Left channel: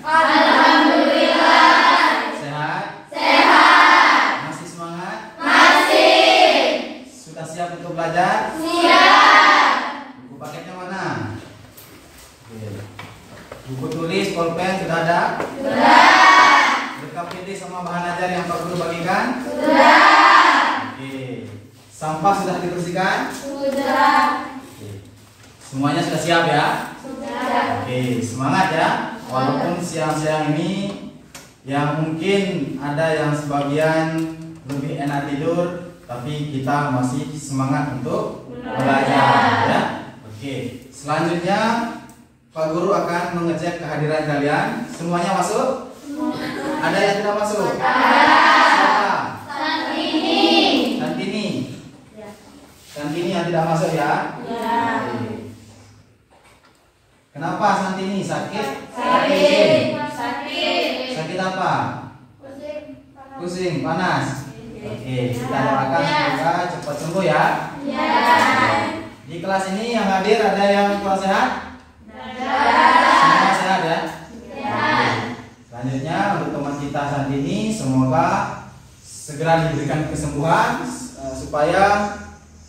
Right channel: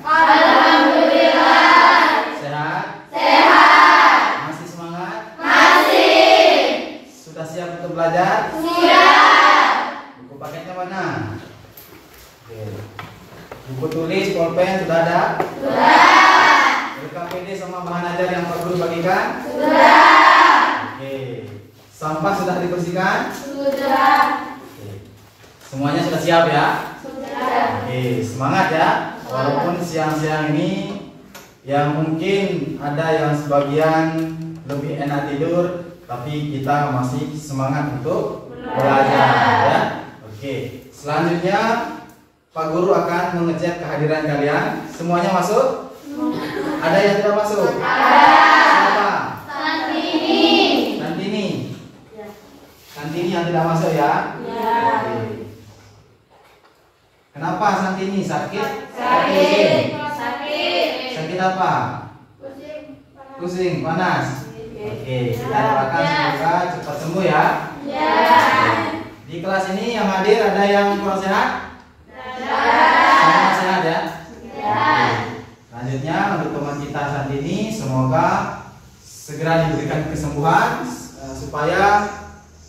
Alhamdulillah. Sehat? Sehat. Masih semangat? Masih. Sudah siap untuk belajar? Siap. Buku paketnya mana? Oke. Buku tulis, pulpen sudah ada? Sudah. KPD sama bahan ajar yang Pak Guru bagikan? Sudah. Oke. Sampah sudah dibersihkan? Sudah. Oke. Semuanya sudah siap ya? Sudah. Oke, semangat ya. Walaupun siang-siang ini yang mungkin ada yang sebagian lebih enak tidur, tapi kita masih semangat untuk belajar ya. Oke. Selanjutnya Pak Guru akan mengecek kehadiran kalian. Semuanya masuk? Ada yang tidak masuk? Ada. Siapa? Santini. Santini. Ya. Santini yang tidak masuk ya? Ya. Oke. Kenapa Santini? Sakit? Sakit. Sakit apa? Pusing. Pusing, panas. Oke, kita doakan semoga cepat sembuh ya. Ya. Di kelas ini yang hadir ada yang kurang sehat? Semua sehat ya? Selanjutnya untuk teman kita saat ini semoga segera diberikan kesembuhan supaya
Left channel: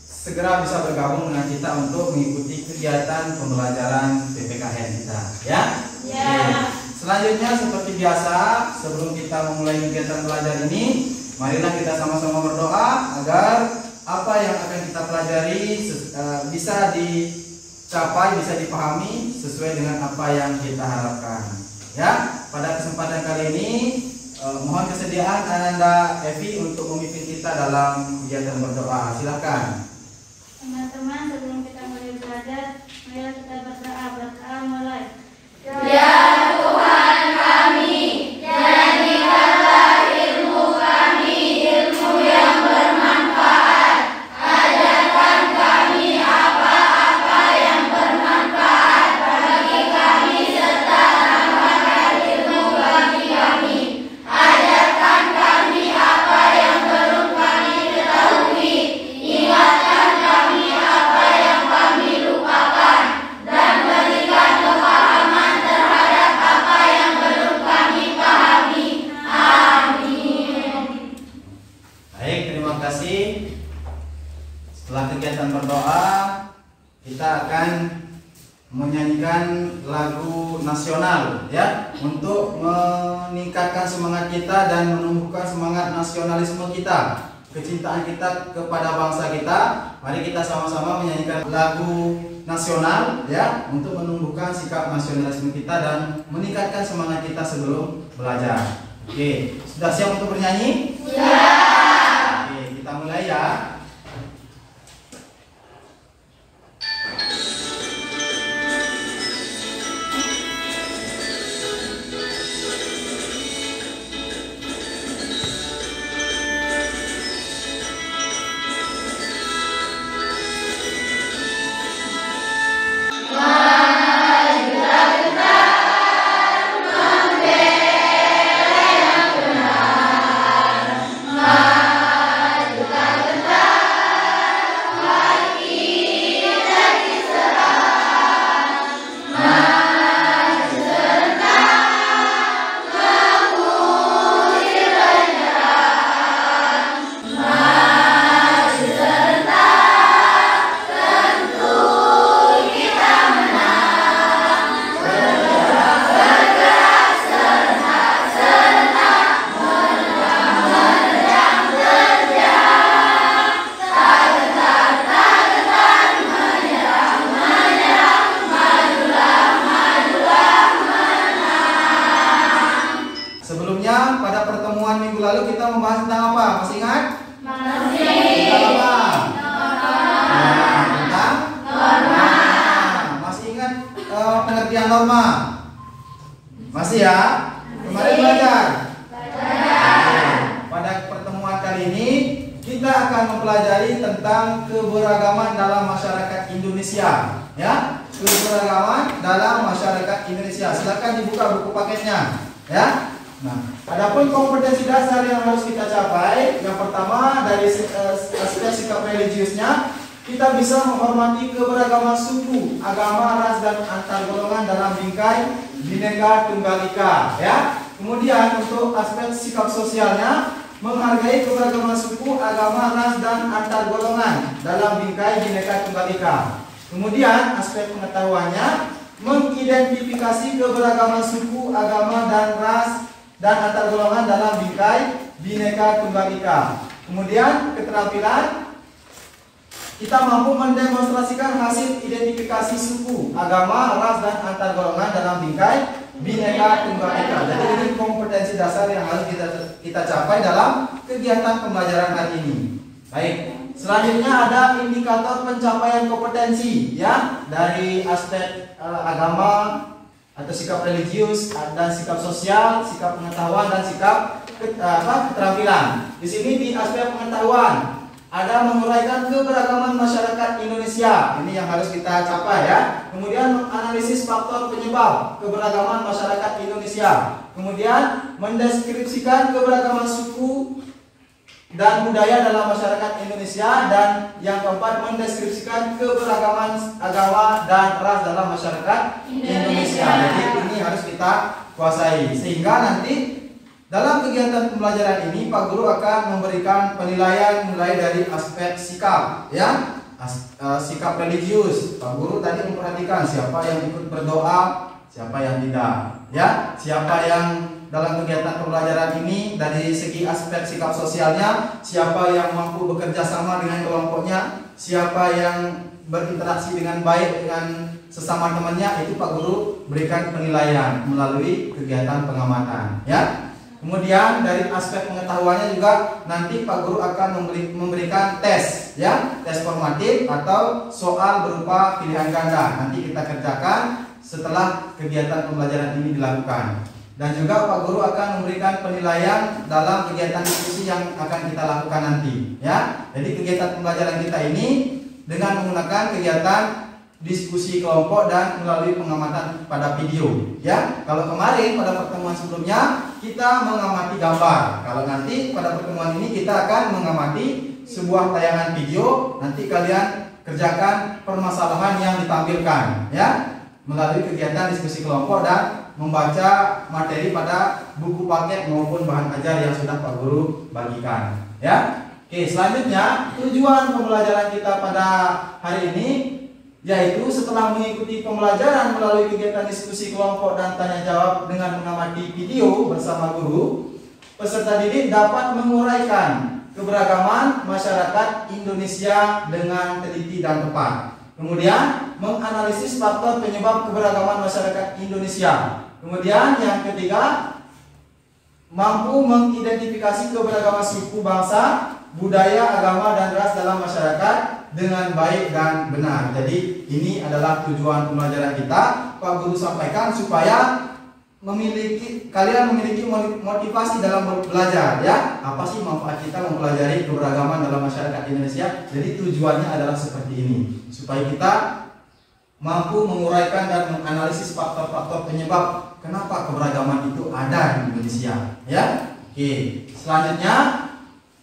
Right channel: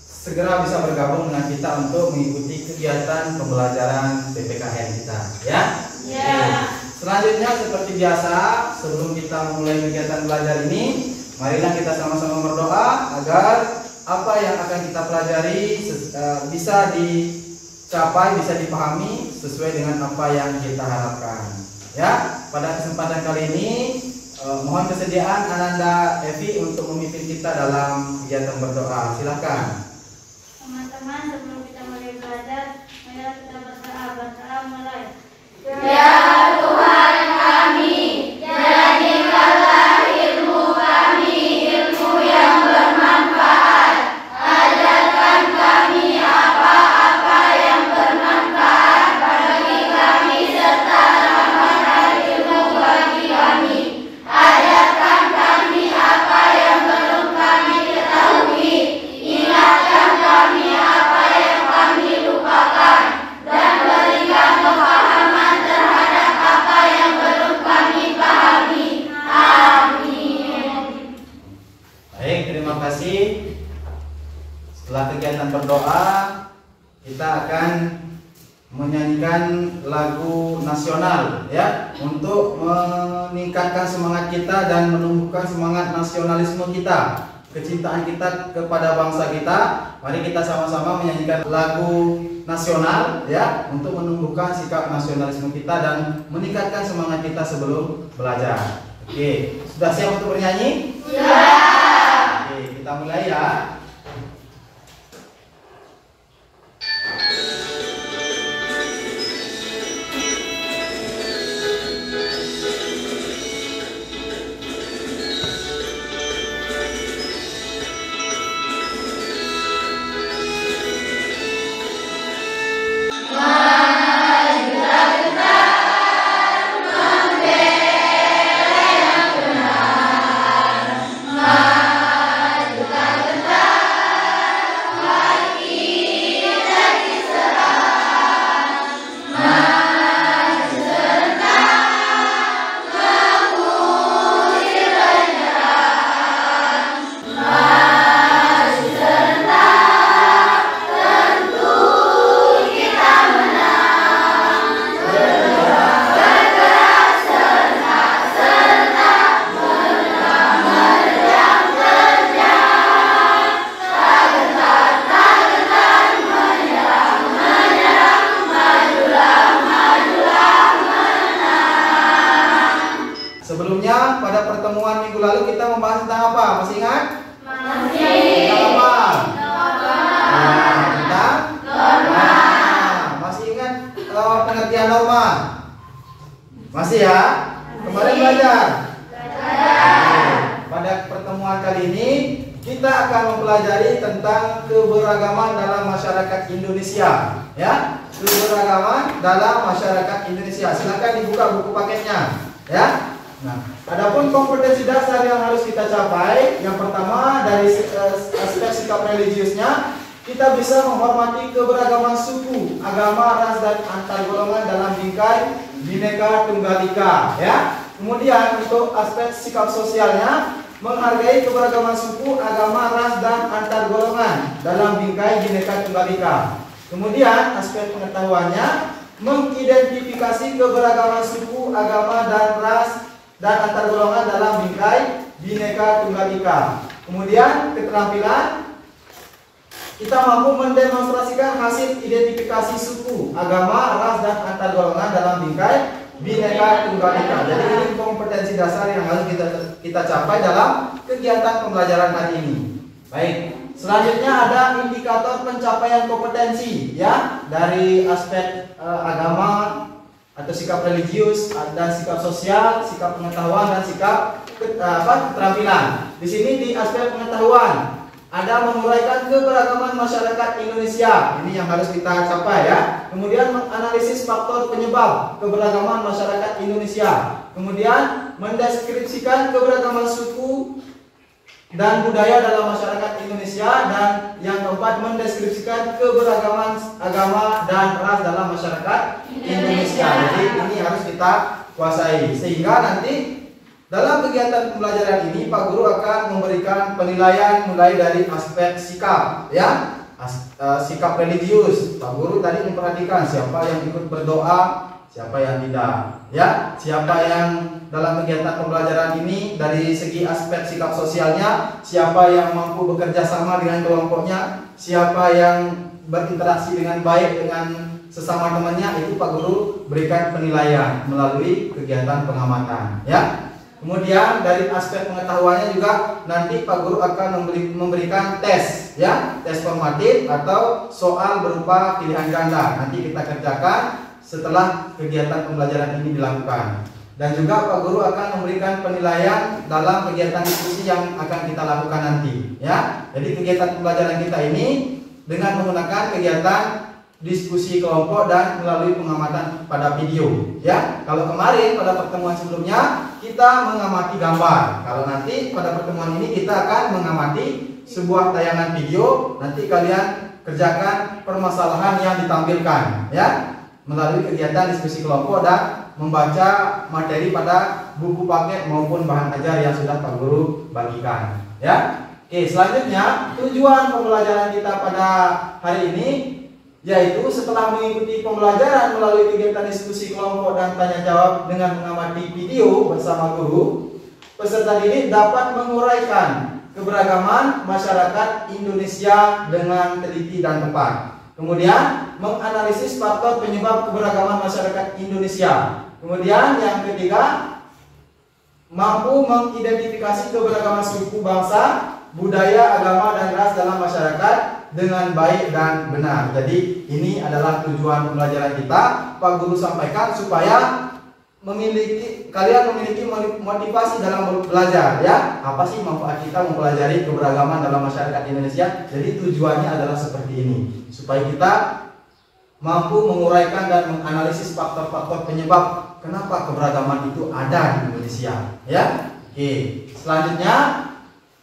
segera bisa bergabung dengan kita untuk mengikuti kegiatan pembelajaran PPKN kita ya. Selanjutnya seperti biasa sebelum kita memulai kegiatan belajar ini, marilah kita sama-sama berdoa agar apa yang akan kita pelajari bisa dicapai, bisa dipahami sesuai dengan apa yang kita harapkan ya. Pada kesempatan kali ini mohon kesediaan Ananda Evi untuk memimpin kita dalam kegiatan berdoa. Silakan. Teman-teman, sebelum kita mulai belajar, marilah kita berdoa. Berdoa mulai. Ya Tuhan kami, jadikanlah ilmu kami ilmu yang bermanfaat. Ajarkan kami apa-apa yang bermanfaat bagi kami serta tambahkan ilmu bagi kami. Ajarkan kami apa yang belum kami ketahui. Ingatkan kami apa yang kami lupakan. Dan berikan kepahaman terhadap apa yang belum kami pahami. Amin. Baik, terima kasih. Setelah kegiatan berdoa, kita akan menyanyikan lagu nasional ya, untuk meningkatkan semangat kita dan menumbuhkan semangat nasionalisme kita, kecintaan kita kepada bangsa kita. Mari kita sama-sama menyanyikan lagu nasional ya, untuk menumbuhkan sikap nasionalisme kita dan meningkatkan semangat kita sebelum belajar. Oke, sudah siap untuk bernyanyi? Sudah. Oke, kita mulai ya. Sebelumnya pada pertemuan minggu lalu kita membahas tentang apa? Masih ingat? Masih. Tentang apa? Tentang norma. Masih ingat pengertian norma? Masih ya? Kemarin belajar? Belajar. Pada pertemuan kali ini kita akan mempelajari tentang keberagaman dalam masyarakat Indonesia ya. Keberagaman dalam masyarakat Indonesia. Silakan dibuka buku paketnya ya. Nah, adapun kompetensi dasar yang harus kita capai, yang pertama dari aspek sikap religiusnya, kita bisa menghormati keberagaman suku, agama, ras dan antar golongan dalam bingkai Bhinneka Tunggal Ika, ya. Kemudian untuk aspek sikap sosialnya, menghargai keberagaman suku, agama, ras, dan antar golongan dalam bingkai Bhinneka Tunggal Ika. Kemudian aspek pengetahuannya, mengidentifikasi keberagaman suku, agama, dan ras dan antar golongan dalam bingkai Bhinneka Tunggal Ika. Kemudian keterampilan, kita mampu mendemonstrasikan hasil identifikasi suku, agama, ras, dan antar golongan dalam bingkai Bhinneka Tunggal Ika. Jadi ini kompetensi dasar yang harus kita capai dalam kegiatan pembelajaran hari ini. Baik, selanjutnya ada indikator pencapaian kompetensi, ya, dari aspek agama atau sikap religius dan sikap sosial, sikap pengetahuan, dan sikap keterampilan. Di sini di aspek pengetahuan ada menguraikan keberagaman masyarakat Indonesia. Ini yang harus kita capai, ya. Kemudian menganalisis faktor penyebab keberagaman masyarakat Indonesia. Kemudian mendeskripsikan keberagaman suku dan budaya dalam masyarakat Indonesia. Dan yang keempat, mendeskripsikan keberagaman agama dan ras dalam masyarakat Indonesia. Jadi ini harus kita kuasai, sehingga nanti dalam kegiatan pembelajaran ini Pak Guru akan memberikan penilaian mulai dari aspek sikap, ya, sikap religius. Pak Guru tadi memperhatikan siapa yang ikut berdoa, siapa yang tidak, ya, siapa yang dalam kegiatan pembelajaran ini dari segi aspek sikap sosialnya, siapa yang mampu bekerja sama dengan kelompoknya, siapa yang berinteraksi dengan baik dengan sesama temannya, itu Pak Guru berikan penilaian melalui kegiatan pengamatan, ya. Kemudian dari aspek pengetahuannya juga nanti Pak Guru akan memberikan tes, ya, tes formatif atau soal berupa pilihan ganda. Nanti kita kerjakan setelah kegiatan pembelajaran ini dilakukan. Dan juga Pak Guru akan memberikan penilaian dalam kegiatan diskusi yang akan kita lakukan nanti, ya. Jadi kegiatan pembelajaran kita ini dengan menggunakan kegiatan diskusi kelompok dan melalui pengamatan pada video, ya. Kalau kemarin pada pertemuan sebelumnya kita mengamati gambar. Kalau nanti pada pertemuan ini kita akan mengamati sebuah tayangan video. Nanti kalian kerjakan permasalahan yang ditampilkan, ya, melalui kegiatan diskusi kelompok dan membaca materi pada buku paket maupun bahan ajar yang sudah Pak Guru bagikan, ya. Oke, selanjutnya tujuan pembelajaran kita pada hari ini yaitu setelah mengikuti pembelajaran melalui kegiatan diskusi kelompok dan tanya jawab dengan mengamati video bersama guru, peserta didik dapat menguraikan keberagaman masyarakat Indonesia dengan teliti dan tepat. Kemudian menganalisis faktor penyebab keberagaman masyarakat Indonesia. Kemudian yang ketiga, mampu mengidentifikasi keberagaman suku, bangsa, budaya, agama, dan ras dalam masyarakat dengan baik dan benar. Jadi ini adalah tujuan pembelajaran kita. Pak Guru sampaikan supaya kalian memiliki motivasi dalam belajar, ya. Apa sih manfaat kita mempelajari keberagaman dalam masyarakat Indonesia? Jadi tujuannya adalah seperti ini, supaya kita mampu menguraikan dan menganalisis faktor-faktor penyebab kenapa keberagaman itu ada di Indonesia, ya. Oke, selanjutnya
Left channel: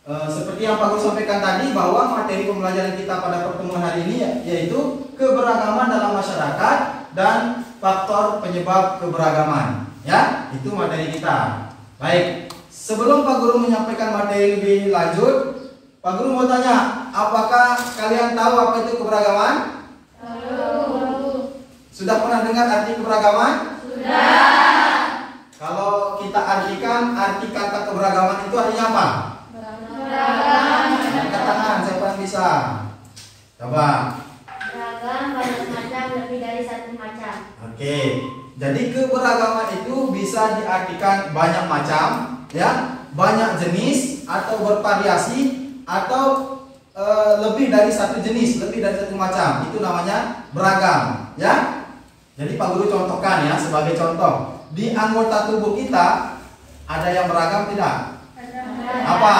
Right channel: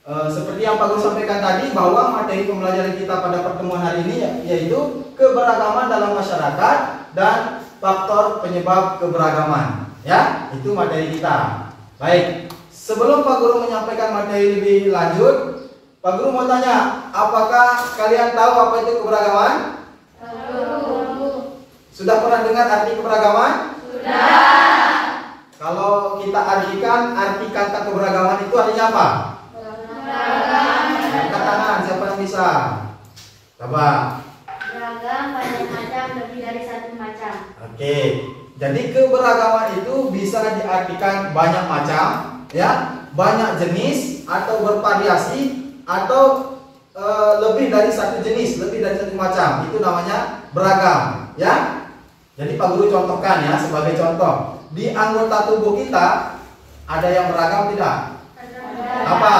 seperti yang Pak Guru sampaikan tadi, bahwa materi pembelajaran kita pada pertemuan hari ini yaitu keberagaman dalam masyarakat dan faktor penyebab keberagaman, ya. Itu materi kita. Baik, sebelum Pak Guru menyampaikan materi lebih lanjut, Pak Guru mau tanya, apakah kalian tahu apa itu keberagaman? Tahu. Sudah pernah dengar arti keberagaman? Sudah. Kalau kita artikan arti kata keberagaman itu artinya apa? Angkat tangan, siapa yang bisa? Coba. Beragam, banyak macam, lebih dari satu macam. Oke, jadi keberagaman itu bisa diartikan banyak macam, ya, banyak jenis atau bervariasi, atau lebih dari satu jenis, lebih dari satu macam. Itu namanya beragam, ya. Jadi Pak Guru contohkan, ya, sebagai contoh. Di anggota tubuh kita ada yang beragam tidak? Apa?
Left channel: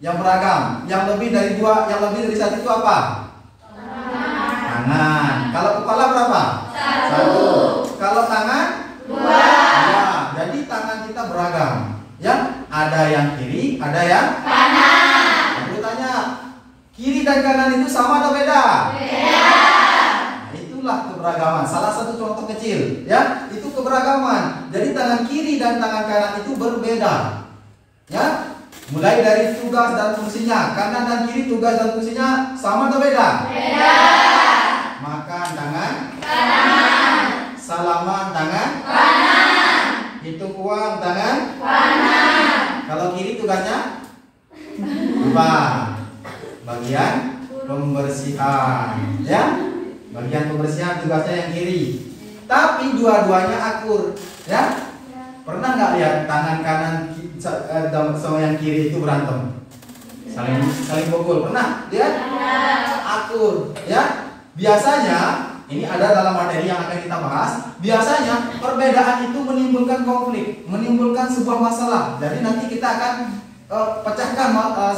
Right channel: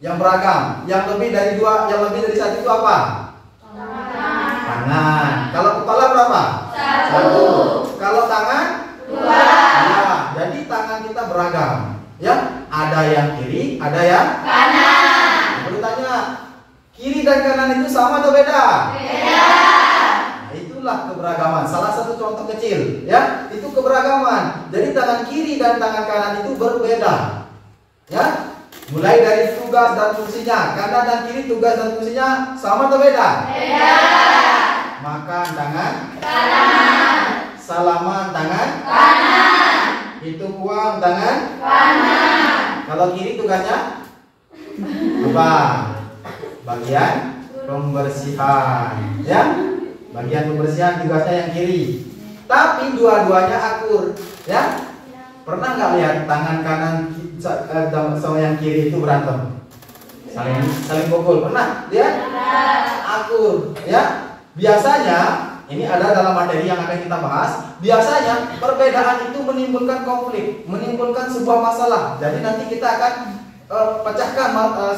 Yang beragam, yang lebih dari dua, yang lebih dari satu itu apa? Tangan. Kalau kepala berapa? Satu. Kalau tangan? Dua. Ya, jadi tangan kita beragam, ya. Ada yang kiri, ada yang kanan. Perlu tanya, kiri dan kanan itu sama atau beda? Beda. Nah, itulah keberagaman. Salah satu contoh kecil, ya. Itu keberagaman. Jadi tangan kiri dan tangan kanan itu berbeda. Ya, mulai dari tugas dan fungsinya. Kanan dan kiri tugas dan fungsinya sama atau beda? Beda. Makan tangan Kanan. salaman tangan Kanan. hitung uang tangan Kanan. Kalau kiri tugasnya apa? Bagian pembersihan, ya. Bagian pembersihan tugasnya yang kiri. Tapi dua-duanya akur, ya. Pernah nggak lihat tangan kanan sama yang kiri itu berantem? Saling pukul. Pernah lihat? Akur, ya. Biasanya ini ada dalam materi yang akan kita bahas. Biasanya perbedaan itu menimbulkan konflik, menimbulkan sebuah masalah. Jadi nanti kita akan pecahkan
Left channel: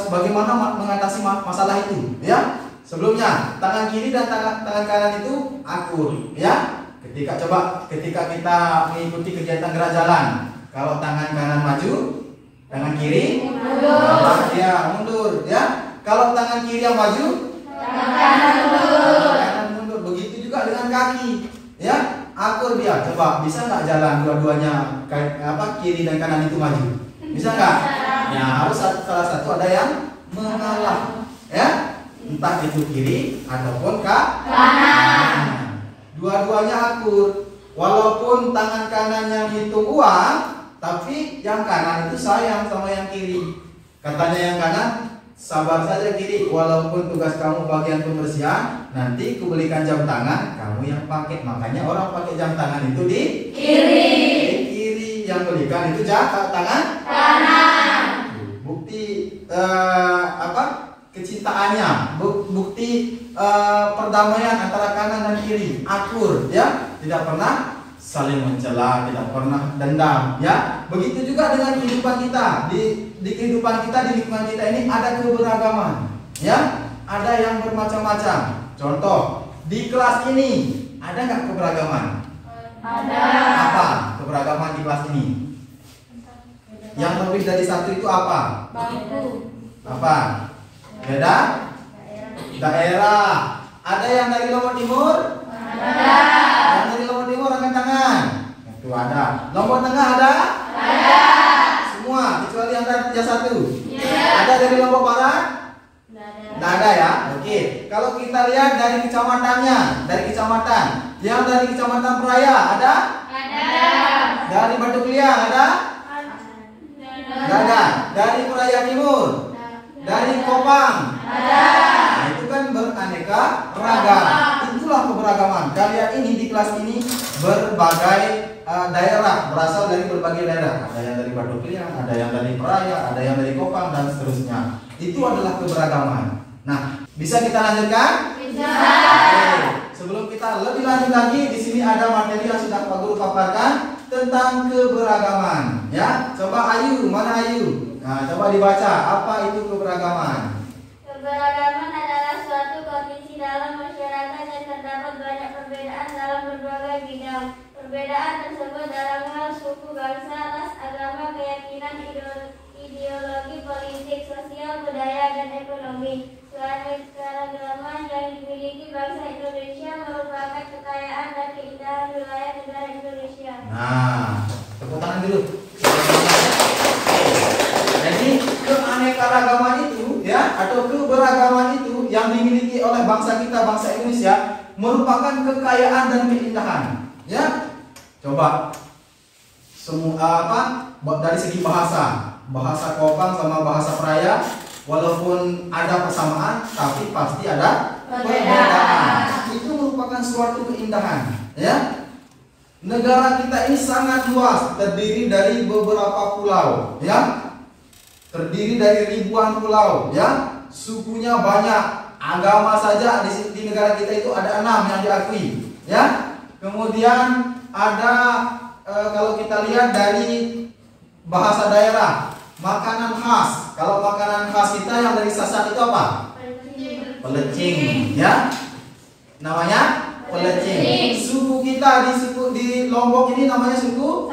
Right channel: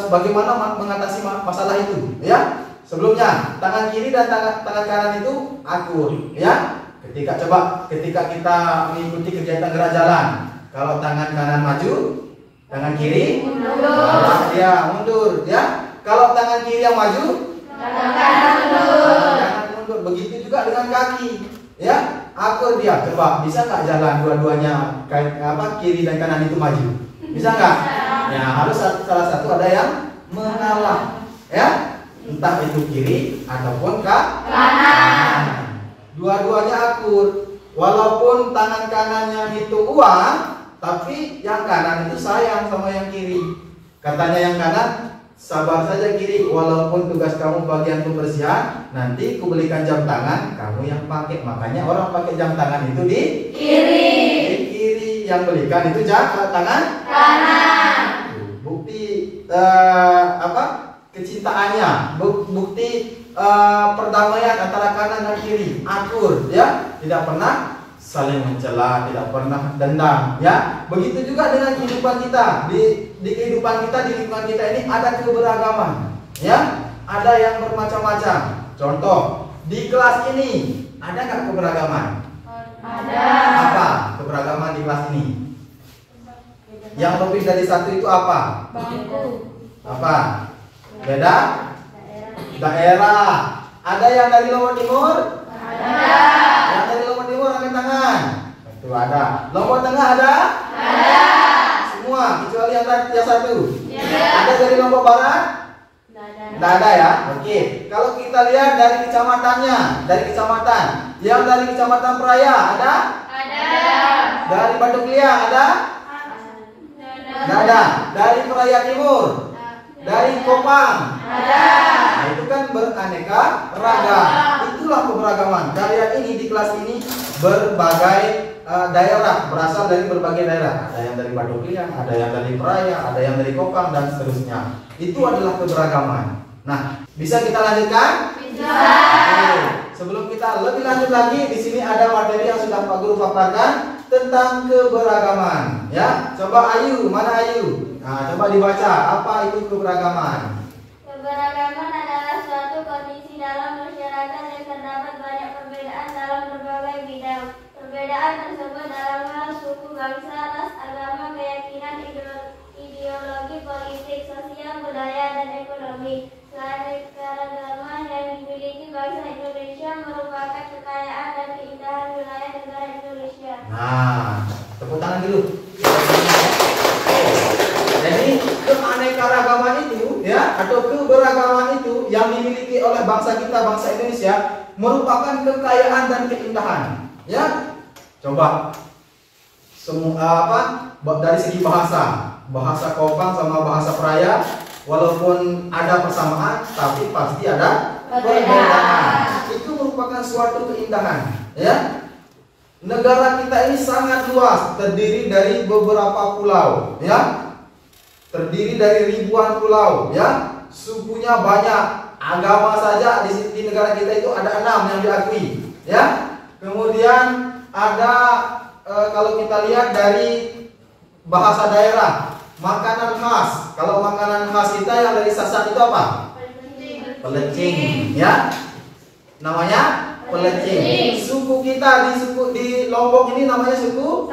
bagaimana mengatasi masalah itu, ya. Sebelumnya tangan kiri dan tangan kanan itu akur, ya. Ketika kita mengikuti kegiatan gerak jalan, kalau tangan kanan maju, tangan kiri mundur, ya. Kalau tangan kiri yang maju, Tangan kanan mundur. mundur. Begitu juga dengan kaki, ya. Akur dia. Coba bisa nggak jalan dua-duanya kiri dan kanan itu maju? Bisa nggak? Ya, harus salah satu ada yang mengalah, ya. Entah itu kiri ataupun kanan. Dua-duanya akur. Walaupun tangan kanannya hitung uang, tapi yang kanan itu sayang sama yang kiri. Katanya yang kanan, sabar saja kiri, walaupun tugas kamu bagian pembersihan, nanti kubelikan jam tangan, kamu yang pakai. Makanya orang pakai jam tangan itu di Kiri. kiri, yang belikan itu tangan Kanan. bukti kecintaannya, bukti perdamaian antara kanan dan kiri, akur, ya, tidak pernah saling mencela, tidak pernah dendam, ya. Begitu juga dengan kehidupan kita. Di kehidupan kita, di lingkungan kita ini ada keberagaman, ya. Ada yang bermacam-macam. Contoh, di kelas ini ada nggak keberagaman? Ada. Apa keberagaman di kelas ini? Yang lebih dari satu itu apa? Bangku. Apa? Beda? Daerah. Ada yang dari Lombok Timur? Ada. Yang dari Lombok Timur angkat tangan. Itu ada. Lombok Tengah ada? Ada. Semua kecuali yang satu. Iya. Ada dari Lombok Barat? Tidak ada ya. Oke. Kalau kita lihat dari kecamatannya, dari kecamatan, yang dari kecamatan Peraya ada? Ada. Dari Batu Kliang ada? Tidak ada. Dari Peraya Timur? Dari Kopang? Ada. Nah, itu kan beraneka ragam. Itulah keberagaman. Kalian ini di kelas ini berbagai daerah, berasal dari berbagai daerah. Ada yang dari Batu Kliang, ada yang dari Peraya, ada yang dari Kopang dan seterusnya. Itu adalah keberagaman. Nah, bisa kita lanjutkan? Bisa. Oke. Sebelum kita lebih lanjut lagi, di sini ada materi yang sudah Pak Guru paparkan tentang keberagaman. Ya, coba Ayu, mana Ayu? Nah, coba dibaca. Apa itu keberagaman? Keberagaman adalah suatu kondisi dalam masyarakat yang terdapat banyak perbedaan dalam berbagai bidang. Perbedaan tersebut dalam hal suku, bangsa, ras, agama, keyakinan, ideologi, politik, sosial, budaya, dan ekonomi. Selain keragaman yang dimiliki bangsa Indonesia merupakan kekayaan dan keindahan wilayah negara Indonesia. Nah, tepuk tangan dulu. Jadi keanekaragaman itu, ya, atau keberagaman itu yang dimiliki oleh bangsa kita, bangsa Indonesia, merupakan kekayaan dan keindahan. Ya, coba semua dari segi bahasa Kopang sama bahasa Peraya, walaupun ada persamaan, tapi pasti ada perbedaan. Itu merupakan suatu keindahan, ya. Negara kita ini sangat luas, terdiri dari beberapa pulau, ya. Terdiri dari ribuan pulau, ya. Sukunya banyak, agama saja di negara kita itu ada 6 yang diakui, ya. Kemudian ada kalau kita lihat dari bahasa daerah, makanan khas. Kalau makanan khas kita yang dari Sasak itu apa? Pelecing, ya. Namanya pelecing. Suku kita di Lombok ini namanya suku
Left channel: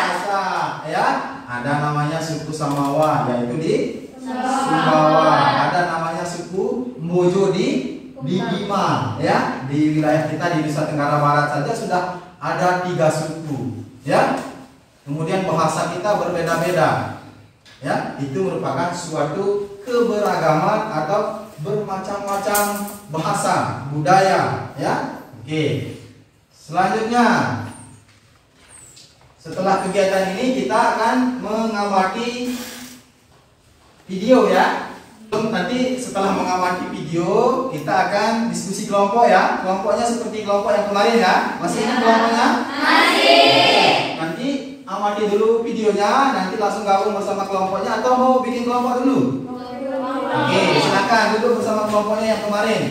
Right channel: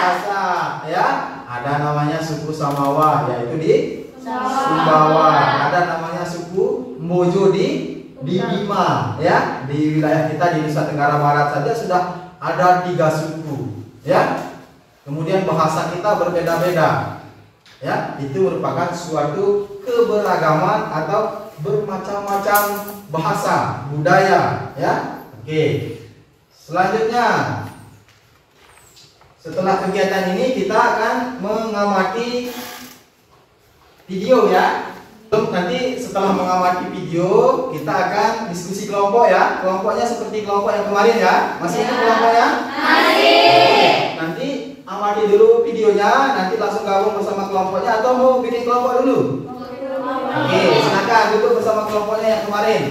Sasak, ya. Ada namanya suku Samawa, yaitu di Sumbawa. Ada namanya suku Mojo di Bima, ya. Di wilayah kita di Nusa Tenggara Barat saja sudah ada 3 suku, ya. Kemudian bahasa kita berbeda-beda, ya. Itu merupakan suatu keberagaman atau bermacam-macam bahasa, budaya, ya. Oke. Selanjutnya, setelah kegiatan ini kita akan mengamati video, ya. Nanti setelah mengamati video kita akan diskusi kelompok, ya. Kelompoknya seperti kelompok yang kemarin, ya. Masih ingat kelompoknya? Masih. Nanti amati dulu videonya, nanti langsung gabung bersama kelompoknya atau mau bikin kelompok dulu? Oke, silakan duduk bersama kelompoknya yang kemarin.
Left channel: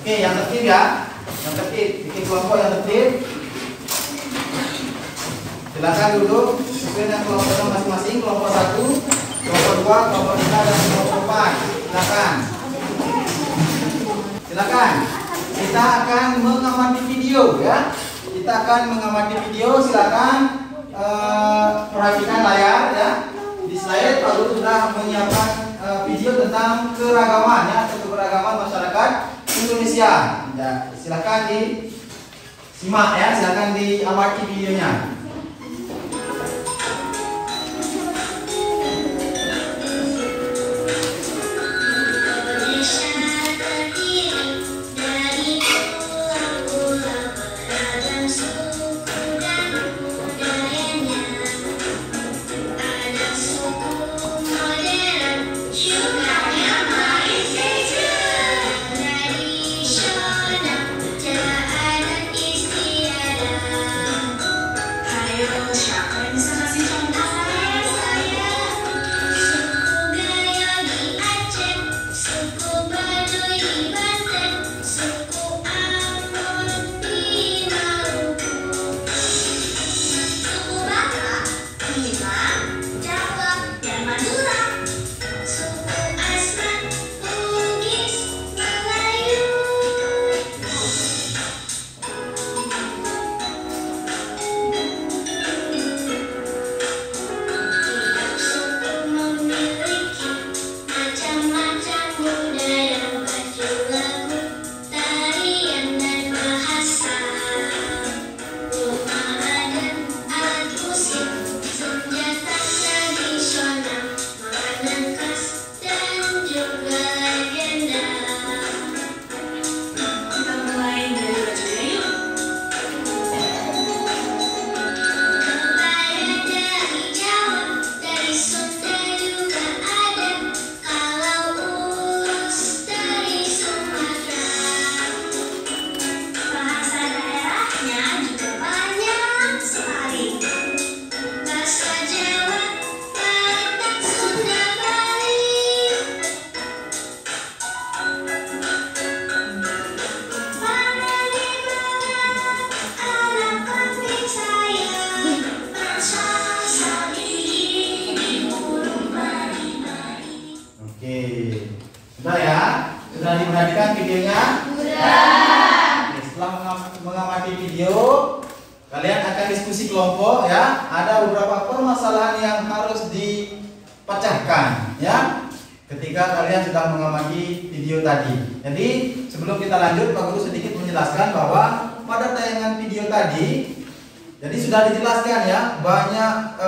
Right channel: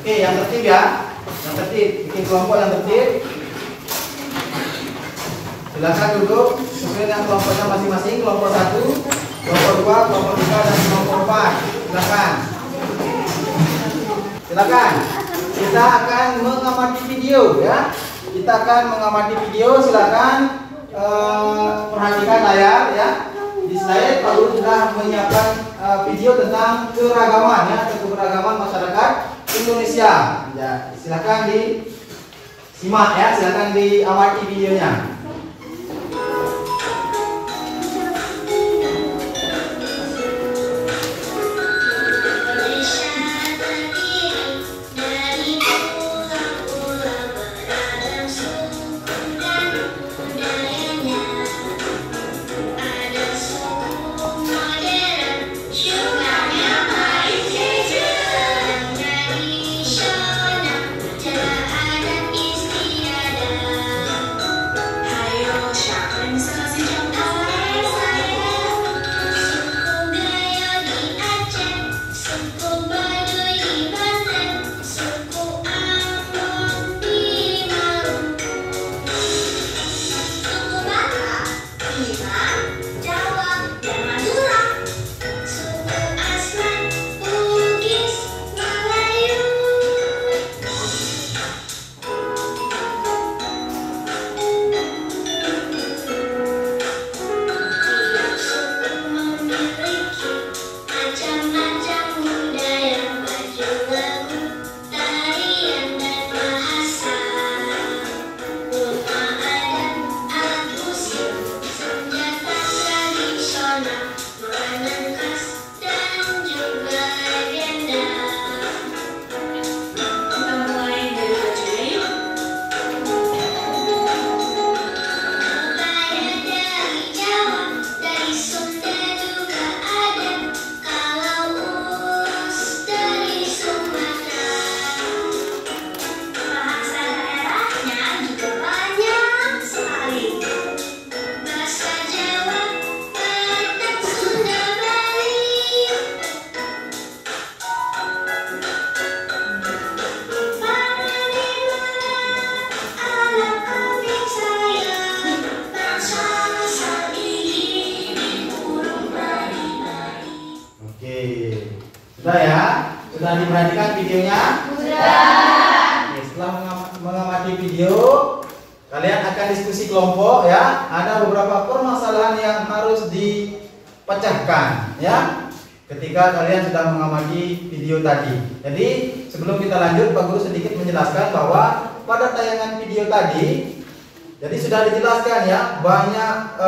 Oke, yang tertib, ya. Yang tertib, bikin kelompok yang tertib. Silakan duduk sesuai dengan kelompoknya masing-masing. Kelompok 1, kelompok 2, kelompok 3, dan kelompok 4. Silakan. Silakan. Kita akan mengamati video, ya. Kita akan mengamati video. Silakan perhatikan layar, ya. Di slide Pak Guru sudah menyiapkan video tentang keragaman, ya, keberagaman masyarakat Indonesia. Ya, silakan disimak, ya. Silakan diamati videonya. Sudah, ya? Sudah diperhatikan videonya? Sudah. Oke, setelah mengamati video, kalian akan diskusi kelompok, ya. Ada beberapa permasalahan yang harus dipecahkan, ya. Ketika kalian sudah mengamati video tadi. Jadi sebelum kita lanjut, Pak Guru sedikit menjelaskan bahwa pada tayangan video tadi, jadi sudah dijelaskan, ya, banyak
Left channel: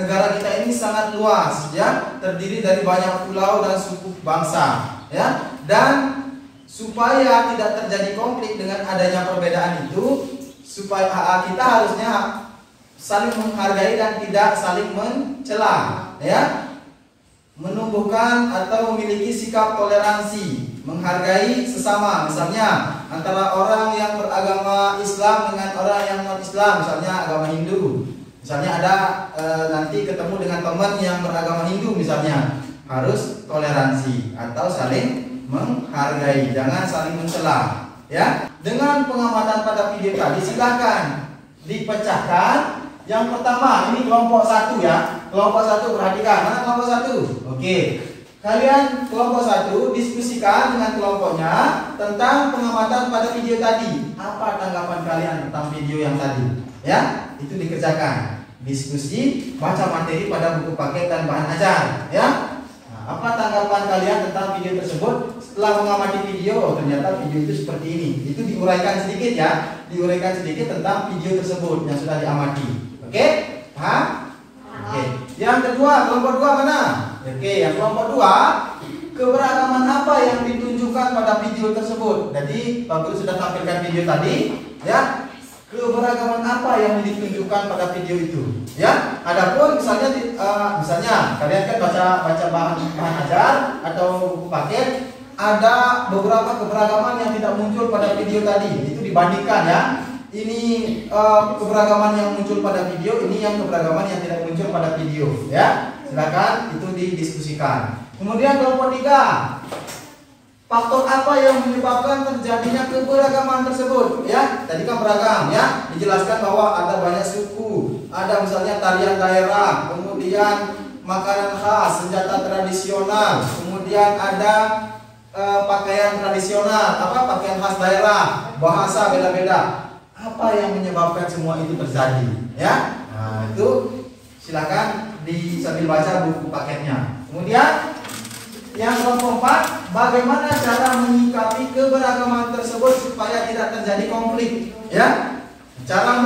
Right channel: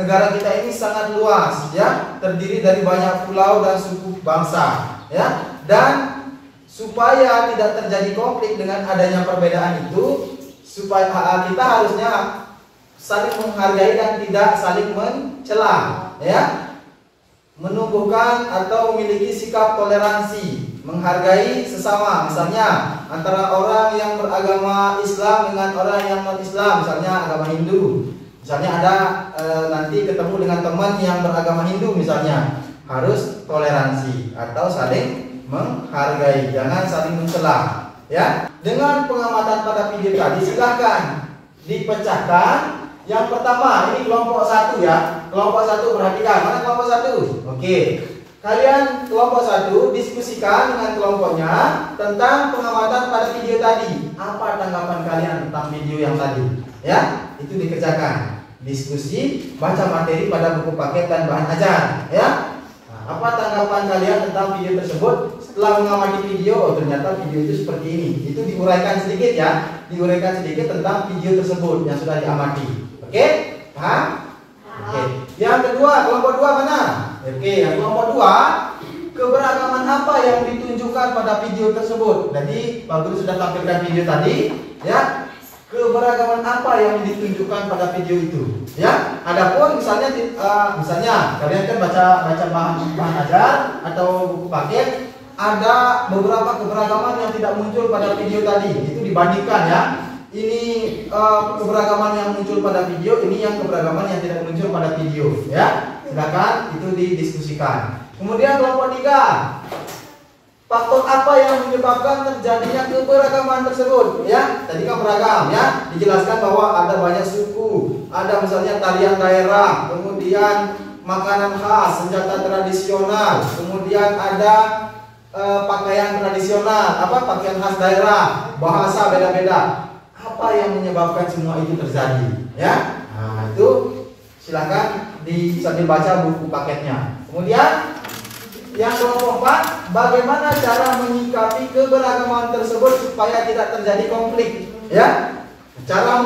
negara kita ini sangat luas, ya, terdiri dari banyak pulau dan suku bangsa, ya, dan supaya tidak terjadi konflik dengan adanya perbedaan itu, supaya kita harusnya saling menghargai dan tidak saling mencela, ya, menumbuhkan atau memiliki sikap toleransi, menghargai sesama, misalnya antara orang yang beragama Islam dengan orang yang non-Islam, misalnya agama Hindu. Misalnya ada nanti ketemu dengan teman yang beragama Hindu, misalnya harus toleransi atau saling menghargai, jangan saling mencela, ya. Dengan pengamatan pada video tadi, silahkan dipecahkan. Yang pertama, ini kelompok 1, ya. Kelompok 1, perhatikan, mana kelompok 1? Oke. Kalian kelompok 1 diskusikan dengan kelompoknya tentang pengamatan pada video tadi. Apa tanggapan kalian tentang video yang tadi? Ya, itu dikerjakan. Diskusi, baca materi pada buku paket dan bahan ajar, ya. Nah, apa tanggapan kalian tentang video tersebut? setelah mengamati video, oh ternyata video itu seperti ini. Itu diuraikan sedikit ya, diuraikan sedikit tentang video tersebut yang sudah diamati. Oke, paham? Oke. Yang kedua, kelompok 2 mana? Oke, yang kelompok 2, keberagaman apa yang ditunjukkan pada video tersebut? Jadi Pak Guru sudah tampilkan video tadi, ya. Keberagaman apa yang ditunjukkan pada video itu, ya? Adapun misalnya kalian kan baca bahan ajar atau buku paket, ada beberapa keberagaman yang tidak muncul pada video tadi, itu dibandingkan ya. Ini keberagaman yang muncul pada video, ini yang keberagaman yang tidak muncul pada video, ya. Silakan itu didiskusikan. Kemudian kelompok 3, faktor apa yang menyebabkan terjadinya keberagaman tersebut, ya? Tadi kan beragam, ya. Dijelaskan bahwa ada banyak suku, ada misalnya tarian daerah, kemudian makanan khas, senjata tradisional, kemudian ada pakaian tradisional, pakaian khas daerah, bahasa beda-beda. Apa yang menyebabkan semua itu terjadi, ya? Nah, itu silakan sambil baca buku paketnya. Kemudian yang kelompok 4, bagaimana cara menyikapi keberagaman tersebut supaya tidak terjadi konflik, ya? Cara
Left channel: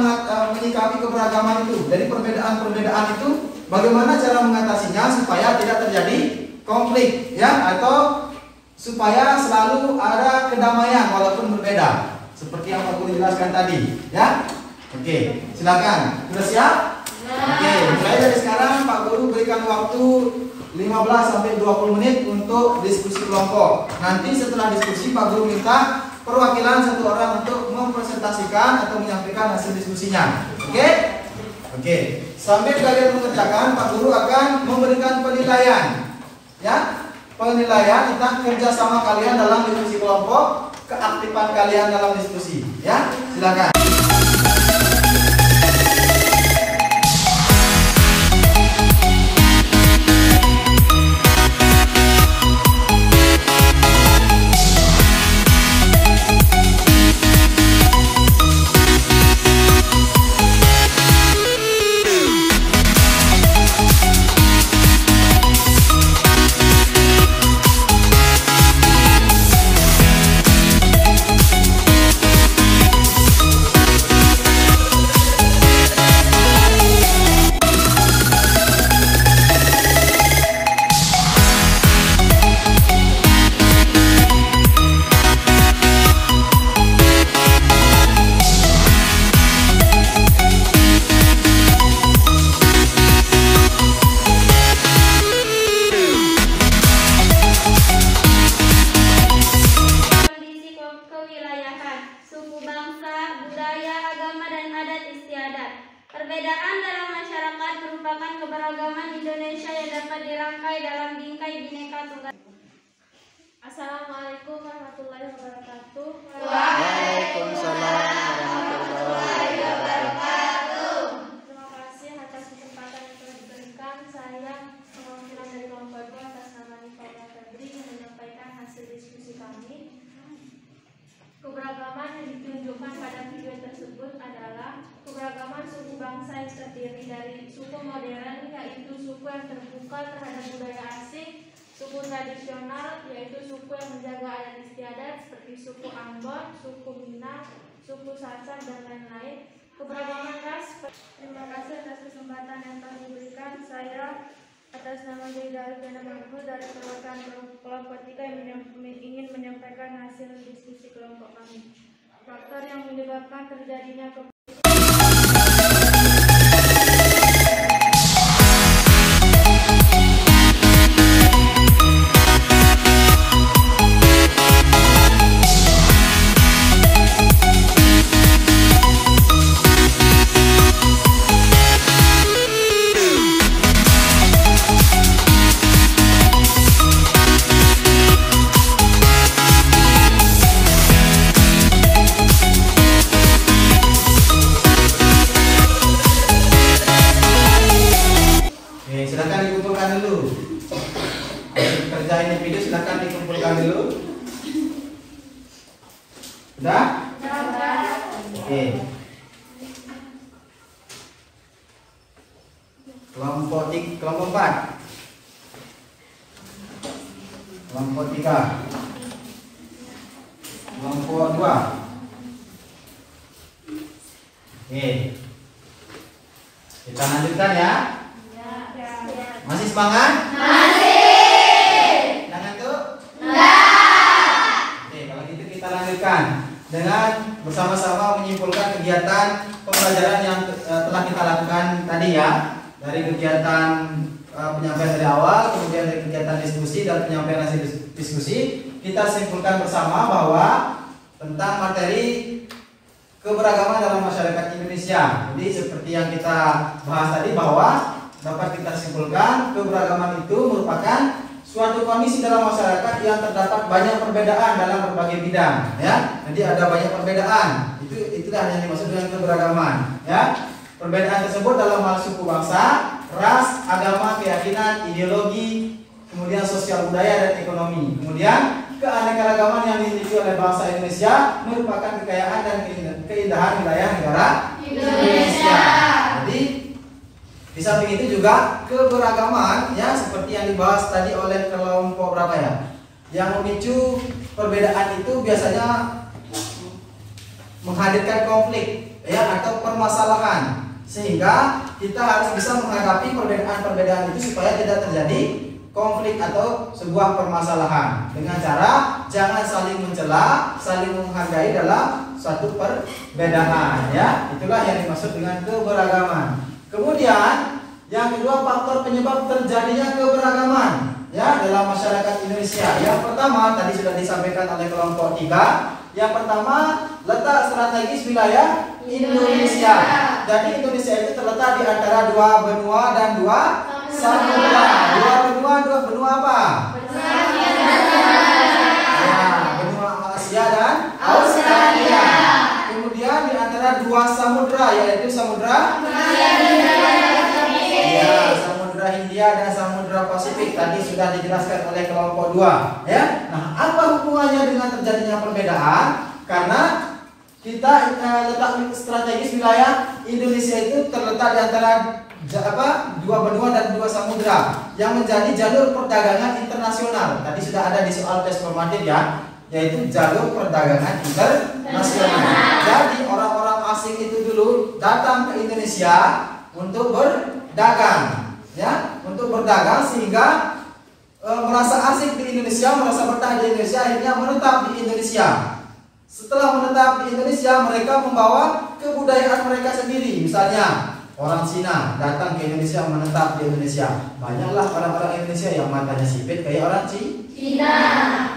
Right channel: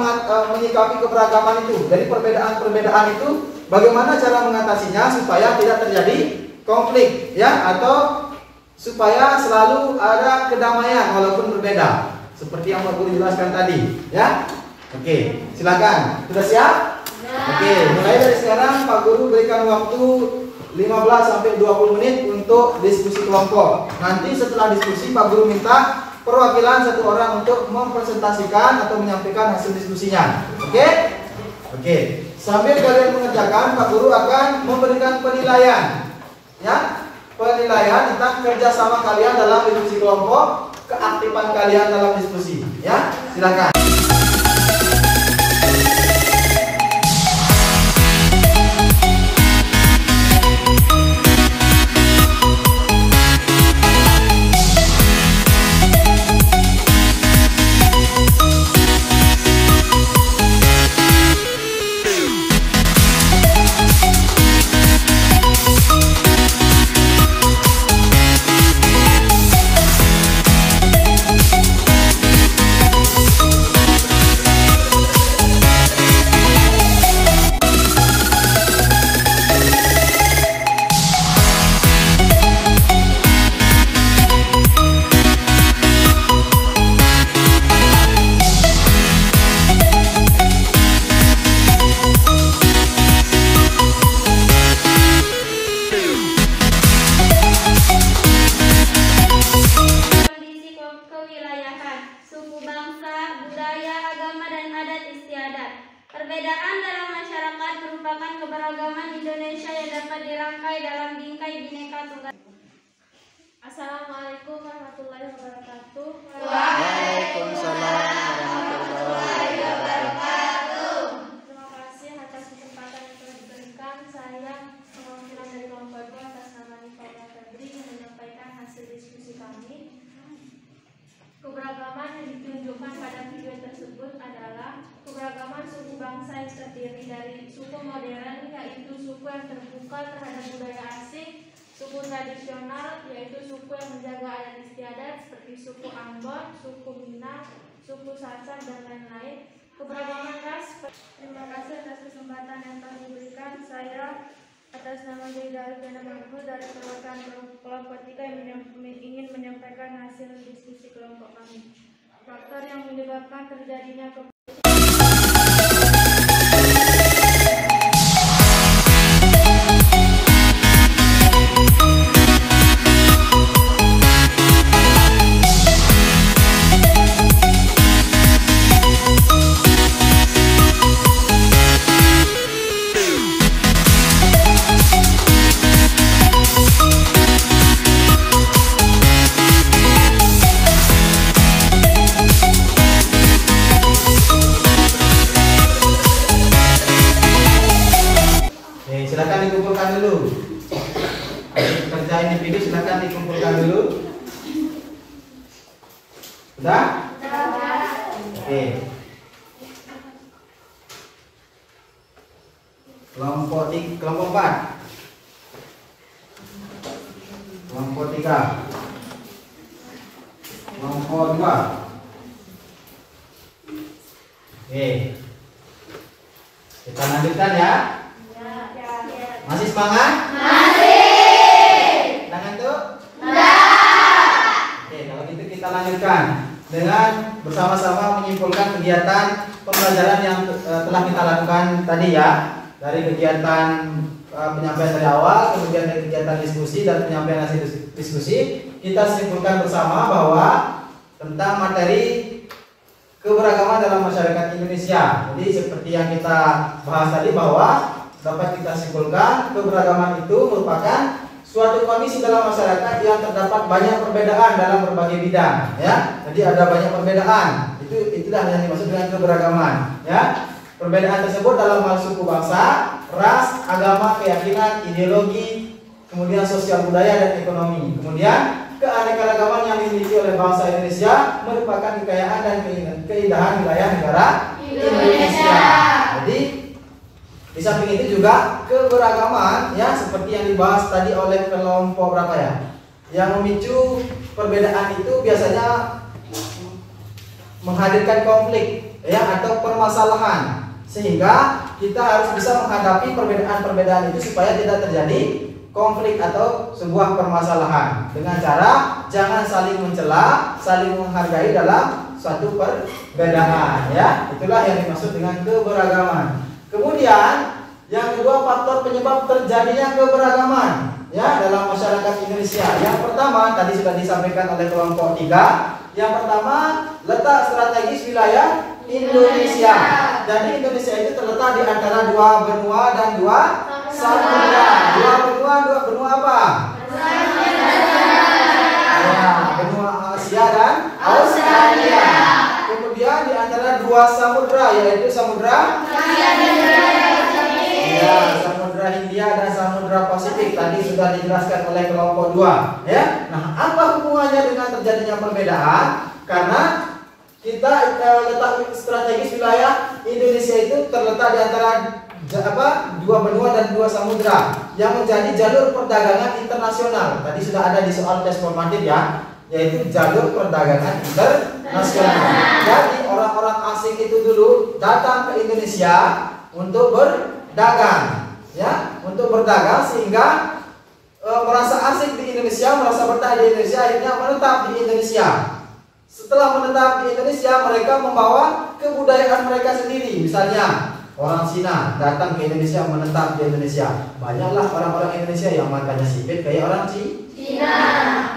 menyikapi keberagaman itu, dari perbedaan-perbedaan itu, bagaimana cara mengatasinya supaya tidak terjadi konflik, ya? Atau supaya selalu ada kedamaian walaupun berbeda. Seperti yang Pak Guru jelaskan tadi, ya. Oke, silakan. Sudah siap? Oke, mulai dari sekarang Pak Guru berikan waktu 15 sampai 20 menit untuk diskusi kelompok. Nanti setelah diskusi Pak Guru minta perwakilan satu orang untuk mempresentasikan atau menyampaikan hasil diskusinya. Oke? Oke. Sambil kalian mengerjakan, Pak Guru akan memberikan penilaian, ya. Penilaian tentang kerjasama kalian dalam diskusi kelompok, keaktifan kalian dalam diskusi, ya. Silakan. Perbedaan dalam masyarakat merupakan keberagaman Indonesia yang dapat dirangkai dalam bingkai Bhinneka Tunggal Ika. Assalamualaikum warahmatullahi wabarakatuh. Waalaikumsalam warahmatullahi wabarakatuh. Terima kasih atas kesempatan yang telah diberikan. Saya perwakilan dari kelompok 2 atas nama Nifa Febri menyampaikan hasil diskusi kami. Keberagaman yang ditunjukkan pada video tersebut adalah keberagaman suku bangsa yang terdiri dari suku modern, yaitu suku yang terbuka terhadap budaya asing, suku tradisional, yaitu suku yang menjaga adat istiadat seperti suku Ambon, suku Minang, suku Sasak, dan lain-lain. Keberagaman ras. Terima kasih atas kesempatan yang telah diberikan. Saya atas nama Zaida Alfiana Mahfud dari perwakilan kelompok 3 yang ingin menyampaikan hasil diskusi kelompok kami. Faktor yang menyebabkan terjadinya silakan dikumpulkan dulu. Kerjain di video silakan dikumpulkan dulu. Sudah? Oke. Kelompok 4. Kelompok 3. kelompok 2. Oke. Kita lanjutkan ya. Masih semangat? Masih. Jangan tuh? Enggak. Oke, kalau gitu kita lanjutkan dengan bersama-sama menyimpulkan kegiatan pembelajaran yang telah kita lakukan tadi ya. Dari kegiatan penyampaian dari awal, kemudian dari kegiatan diskusi dan penyampaian hasil diskusi, kita simpulkan bersama bahwa tentang materi keberagaman dalam masyarakat Indonesia. Jadi seperti yang kita bahas tadi bahwa dapat kita simpulkan keberagaman itu merupakan suatu kondisi dalam masyarakat yang terdapat banyak perbedaan dalam berbagai bidang, ya. Jadi ada banyak perbedaan. Itulah yang dimaksud dengan keberagaman, ya. Perbedaan tersebut dalam hal suku bangsa, ras, agama, keyakinan, ideologi, kemudian sosial budaya dan ekonomi. Kemudian keanekaragaman yang dimiliki oleh bangsa Indonesia merupakan kekayaan dan keindahan wilayah negara Indonesia. Jadi di samping itu juga keberagaman ya seperti yang dibahas tadi oleh kelompok berapa ya, yang memicu perbedaan itu biasanya menghadirkan konflik ya atau permasalahan, sehingga kita harus bisa menghadapi perbedaan-perbedaan itu supaya tidak terjadi konflik atau sebuah permasalahan dengan cara jangan saling mencela, saling menghargai dalam suatu perbedaan ya. Itulah yang dimaksud dengan keberagaman. Kemudian yang kedua, faktor penyebab terjadinya keberagaman ya dalam masyarakat Indonesia. Yang pertama tadi sudah disampaikan oleh kelompok 3. Yang pertama, letak strategis wilayah Indonesia. Jadi Indonesia itu terletak di antara 2 benua dan 2 samudra. 2 benua apa? Ya, benua Asia dan Australia. Kemudian di antara 2 samudra, yaitu samudra Samudra Hindia dan Samudra Pasifik tadi sudah dijelaskan oleh kelompok 2 ya. Nah, apa hubungannya dengan terjadinya perbedaan? Karena kita letak strategis wilayah Indonesia itu terletak di antara 2 benua dan 2 samudra yang menjadi jalur perdagangan internasional. Tadi sudah ada di soal tes formatif ya, yaitu jalur perdagangan internasional. Jadi orang-orang asing itu dulu datang ke Indonesia untuk berdagang ya, untuk berdagang sehingga merasa asik di Indonesia, merasa betah di Indonesia, akhirnya menetap di Indonesia. Setelah menetap di Indonesia, mereka membawa kebudayaan mereka sendiri. Misalnya orang Cina datang ke Indonesia, menetap di Indonesia. Banyaklah orang-orang Indonesia yang matanya sipit kayak orang Cina.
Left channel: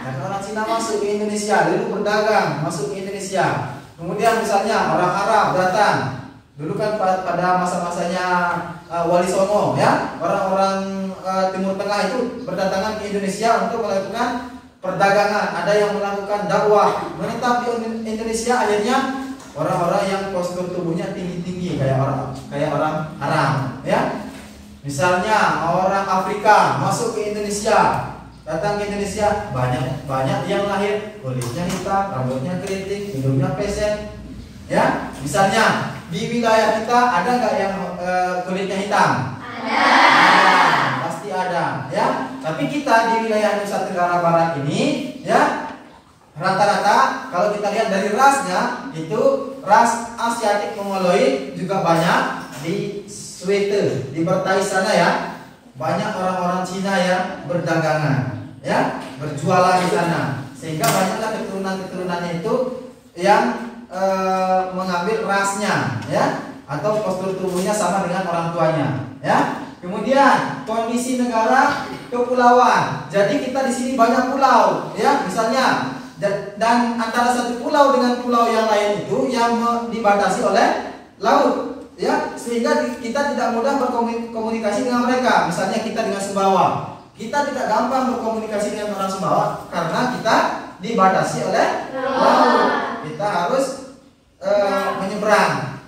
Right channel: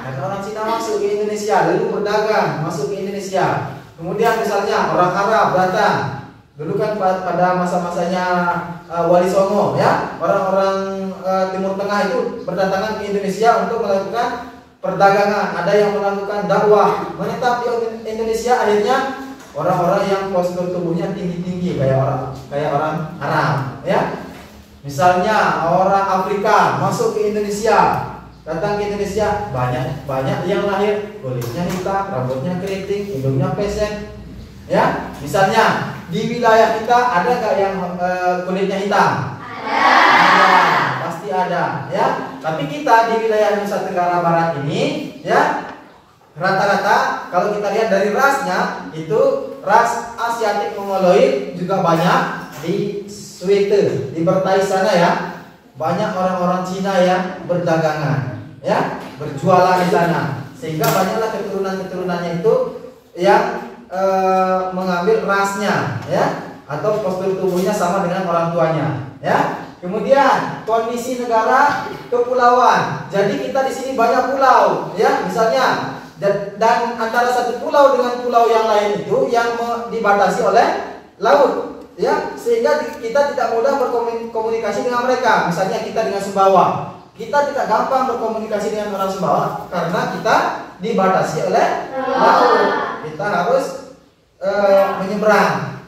Dan orang Cina masuk ke Indonesia, lalu berdagang masuk ke Indonesia. Kemudian misalnya orang Arab datang. Dulu kan pada masa-masanya Wali Songo ya, orang-orang Timur Tengah itu berdatangan ke Indonesia untuk melakukan perdagangan. Ada yang melakukan dakwah, menetap di Indonesia. Akhirnya orang-orang yang postur tubuhnya tinggi-tinggi kayak orang Arab ya. Misalnya orang Afrika masuk ke Indonesia, datang ke Indonesia, banyak yang lahir kulitnya hitam, rambutnya keriting, hidungnya pesek ya. Misalnya di wilayah kita ada nggak yang kulitnya hitam? Ada, pasti ada ya. Tapi kita di wilayah Nusa Tenggara Barat ini ya, rata-rata kalau kita lihat dari rasnya itu ras Asiatik Mongoloid juga banyak di Sweden, di Bertais sana ya. Banyak orang-orang Cina yang berdagangan ya, berjualan di sana, sehingga banyaklah keturunan-keturunannya itu yang mengambil rasnya ya, atau postur tubuhnya sama dengan orang tuanya ya. Kemudian kondisi negara kepulauan. Jadi kita di sini banyak pulau ya, misalnya, dan antara satu pulau dengan pulau yang lain itu yang dibatasi oleh laut ya, sehingga kita tidak mudah berkomunikasi dengan mereka. Misalnya kita dengan Sumbawa, kita tidak gampang berkomunikasi dengan orang Sumbawa karena kita dibatasi oleh laut. Kita harus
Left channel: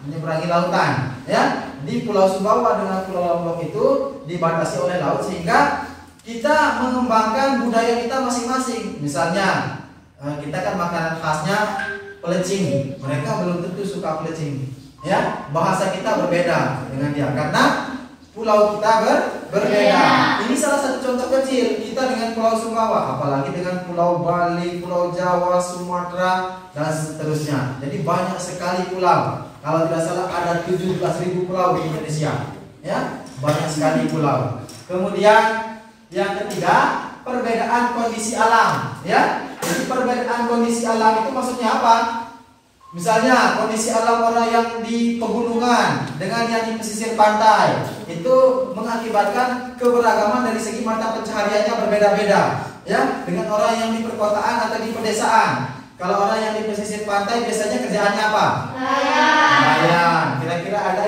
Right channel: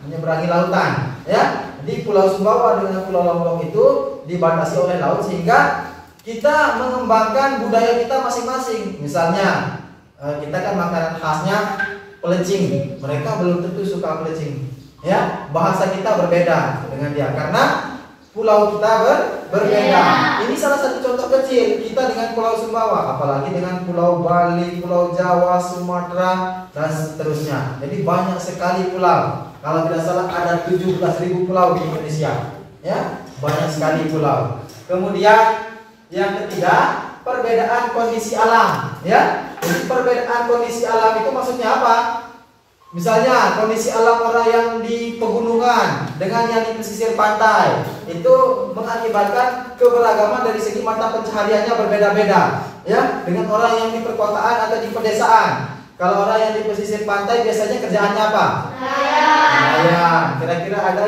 menyeberangi lautan ya. Di Pulau Sumbawa dengan Pulau Lombok itu dibatasi oleh laut, sehingga kita mengembangkan budaya kita masing-masing. Misalnya kita kan makanan khasnya pelecing, mereka belum tentu suka pelecing ya. Bahasa kita berbeda dengan dia karena pulau kita berbeda. Ini salah satu contoh kecil kita dengan Pulau Sumbawa, apalagi dengan Pulau Bali, Pulau Jawa, Sumatera, dan seterusnya. Jadi banyak sekali pulau. Kalau tidak salah ada 17.000 pulau di Indonesia. Ya, banyak sekali pulau. Kemudian yang ketiga, perbedaan kondisi alam. Ya, jadi perbedaan kondisi alam itu maksudnya apa? Misalnya kondisi alam orang yang di pegunungan dengan yang di pesisir pantai itu mengakibatkan keberagaman dari segi mata pencahariannya berbeda-beda, ya, dengan orang yang di perkotaan atau di pedesaan. Kalau orang yang di pesisir pantai biasanya kerjaannya apa? Nelayan. Kira-kira ada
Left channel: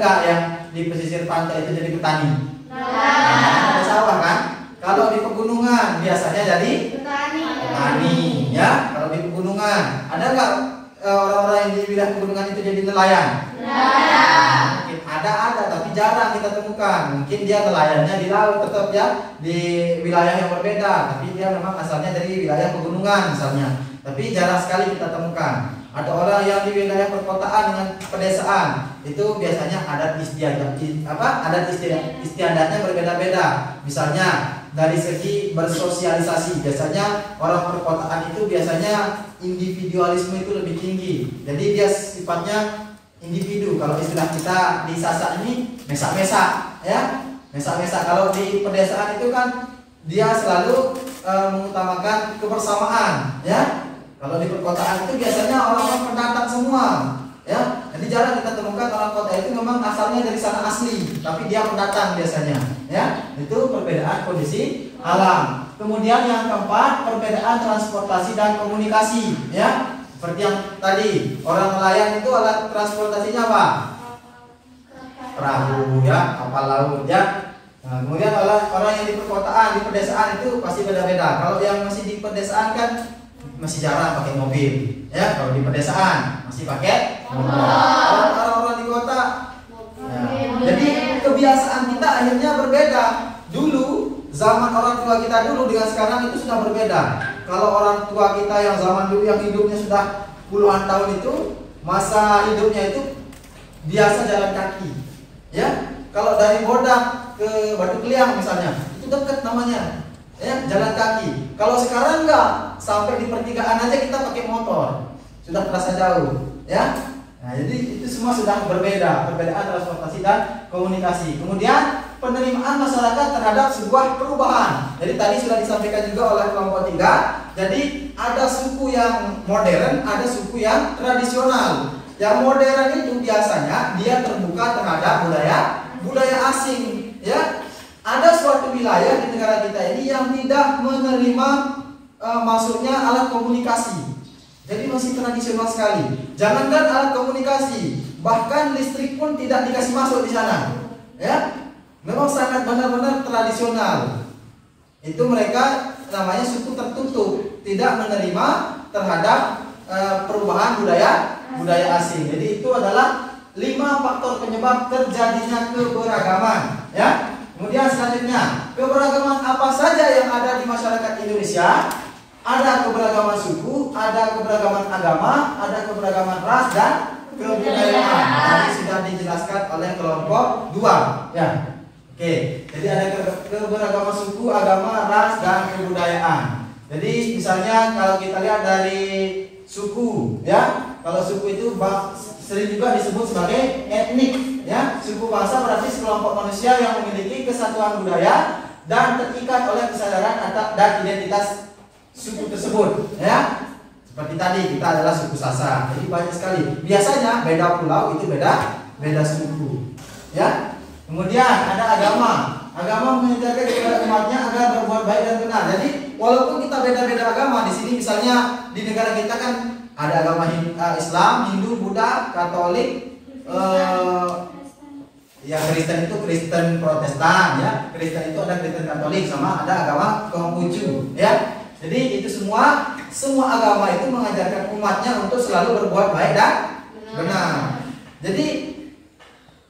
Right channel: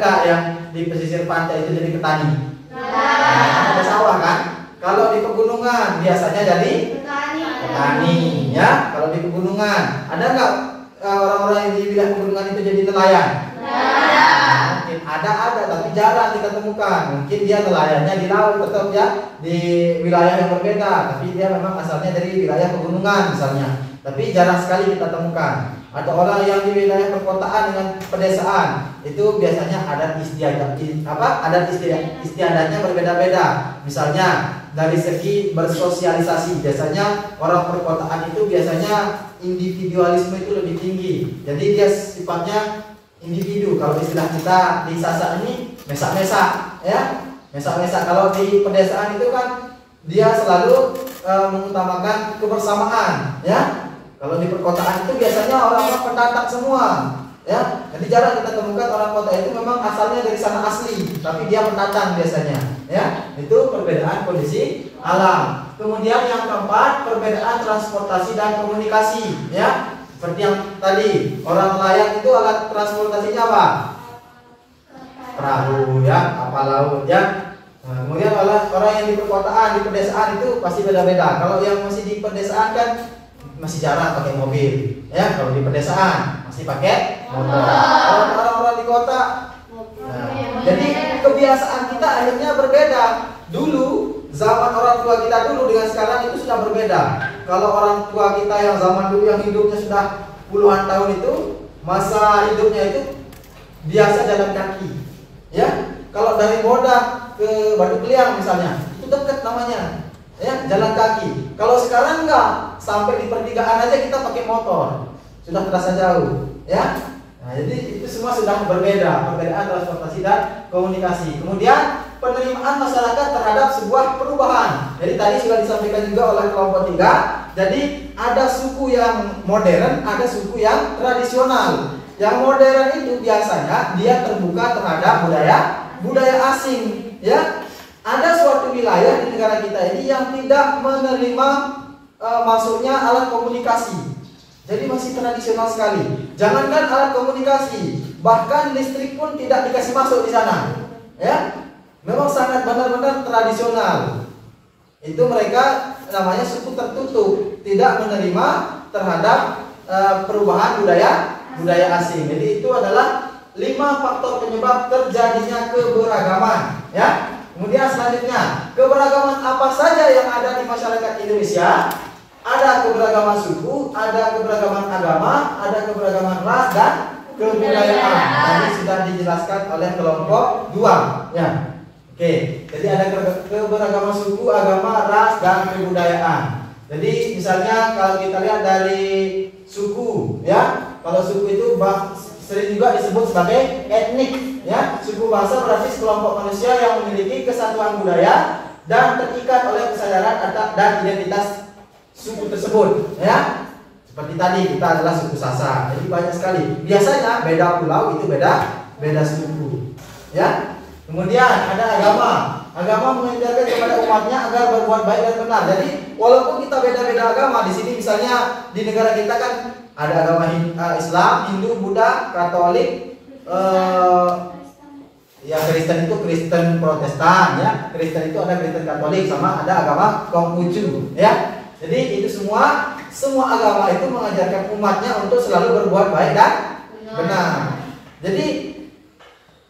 nggak yang di pesisir pantai itu jadi petani? Ada sawah kan? Kalau di pegunungan biasanya jadi petani, ya. Kalau di pegunungan ada nggak orang-orang yang di wilayah pegunungan itu jadi nelayan? Mungkin ada, tapi jarang kita temukan. Mungkin dia nelayannya di laut tetap ya, di wilayah yang berbeda, tapi dia memang asalnya dari wilayah pegunungan misalnya. Tapi jarang sekali kita temukan. Ada orang yang di wilayah perkotaan dengan pedesaan, itu biasanya adat istiadatnya berbeda-beda. Misalnya dari segi bersosialisasi, biasanya orang perkotaan itu biasanya individualisme itu lebih tinggi. Jadi dia sifatnya individu. Kalau istilah kita di Sasak ini mesak-mesak, ya. Mesak-mesak. Kalau di pedesaan itu kan dia selalu mengutamakan kebersamaan, ya. Kalau di perkotaan itu biasanya orang-orang pendatang semua, ya. Jadi jarang kita temukan orang kota itu memang asalnya dari sana asli, tapi dia pendatang biasanya, ya. Itu perbedaan kondisi alam. Kemudian yang keempat, perbedaan transportasi dan komunikasi, ya. Seperti yang tadi, orang nelayan itu alat transportasinya apa? Perahu, ya, kapal laut, ya. Nah, kemudian orang yang di perkotaan, di pedesaan itu pasti beda-beda. Kalau yang masih di pedesaan kan masih jarang pakai mobil, ya. Kalau di pedesaan masih pakai motor. Orang-orang di kota, nah, jadi kebiasaan kita akhirnya berbeda. Dulu zaman orang tua kita dulu dengan sekarang itu sudah berbeda. Kalau orang tua kita yang zaman dulu yang hidupnya sudah puluhan tahun itu, masa hidupnya itu biasa jalan kaki, ya. Kalau dari Moda ke Batu Kliang misalnya, itu dekat namanya, ya, jalan kaki. Kalau sekarang enggak, sampai di pertigaan aja kita pakai motor, sudah terasa jauh, ya. Nah, jadi itu semua sudah berbeda, perbedaan transportasi dan komunikasi. Kemudian penerimaan masyarakat terhadap sebuah perubahan. Jadi tadi sudah disampaikan juga oleh kelompok 3. Jadi ada suku yang modern, ada suku yang tradisional. Yang modern itu biasanya dia terbuka terhadap budaya asing, ya. Ada suatu wilayah di negara kita ini yang tidak menerima masuknya alat komunikasi. Jadi masih tradisional sekali. Jangankan alat komunikasi, bahkan listrik pun tidak dikasih masuk di sana, ya. Memang sangat benar-benar tradisional. Itu mereka namanya suku tertutup, tidak menerima terhadap perubahan budaya asing. Jadi itu adalah 5 faktor penyebab terjadinya keberagaman, ya. Kemudian selanjutnya, keberagaman apa saja yang ada di masyarakat Indonesia? Ada keberagaman suku, ada keberagaman agama, ada keberagaman ras dan kebudayaan. Tadi sudah dijelaskan oleh kelompok 2, ya. Oke, jadi ada keberagaman suku, agama, ras, dan kebudayaan. Jadi misalnya kalau kita lihat dari suku, ya, kalau suku itu sering juga disebut sebagai etnik, ya. Suku bangsa berarti sekelompok manusia yang memiliki kesatuan budaya dan terikat oleh kesadaran dan identitas suku tersebut, ya. Seperti tadi kita adalah suku Sasak. Jadi banyak sekali. Biasanya beda pulau itu beda suku, ya. Kemudian ada agama. Agama mengajarkan kepada umatnya agar berbuat baik dan benar. Jadi walaupun kita beda-beda agama, di sini misalnya di negara kita kan ada agama Islam, Hindu, Buddha, Katolik, ya Kristen itu Kristen Protestan, ya. Kristen itu ada Kristen Katolik, sama ada agama Konghucu, ya. Jadi itu semua agama itu mengajarkan umatnya untuk selalu berbuat baik dan benar. Jadi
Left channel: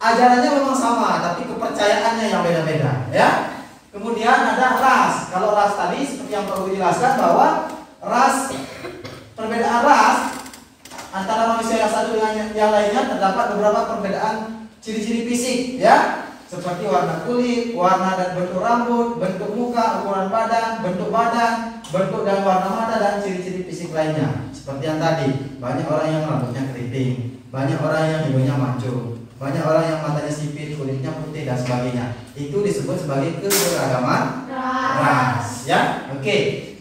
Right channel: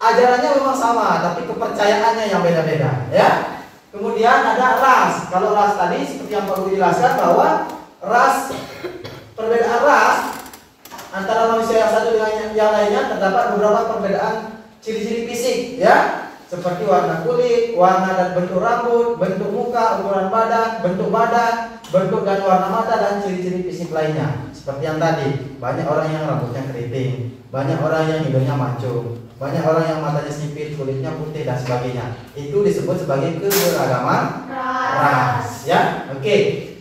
ajarannya memang sama, tapi kepercayaannya yang beda-beda, ya. Kemudian ada ras. Kalau ras tadi seperti yang Pak Guru jelaskan bahwa perbedaan ras antara manusia yang satu dengan yang lainnya terdapat beberapa perbedaan ciri-ciri fisik, ya. seperti warna kulit, warna dan bentuk rambut, bentuk muka, ukuran badan, bentuk dan warna mata, dan ciri-ciri fisik lainnya. Seperti yang tadi, banyak orang yang rambutnya keriting, banyak orang yang hidungnya mancung, banyak orang yang matanya sipit, kulitnya putih, dan sebagainya. Itu disebut sebagai keberagaman ras. Ya, oke.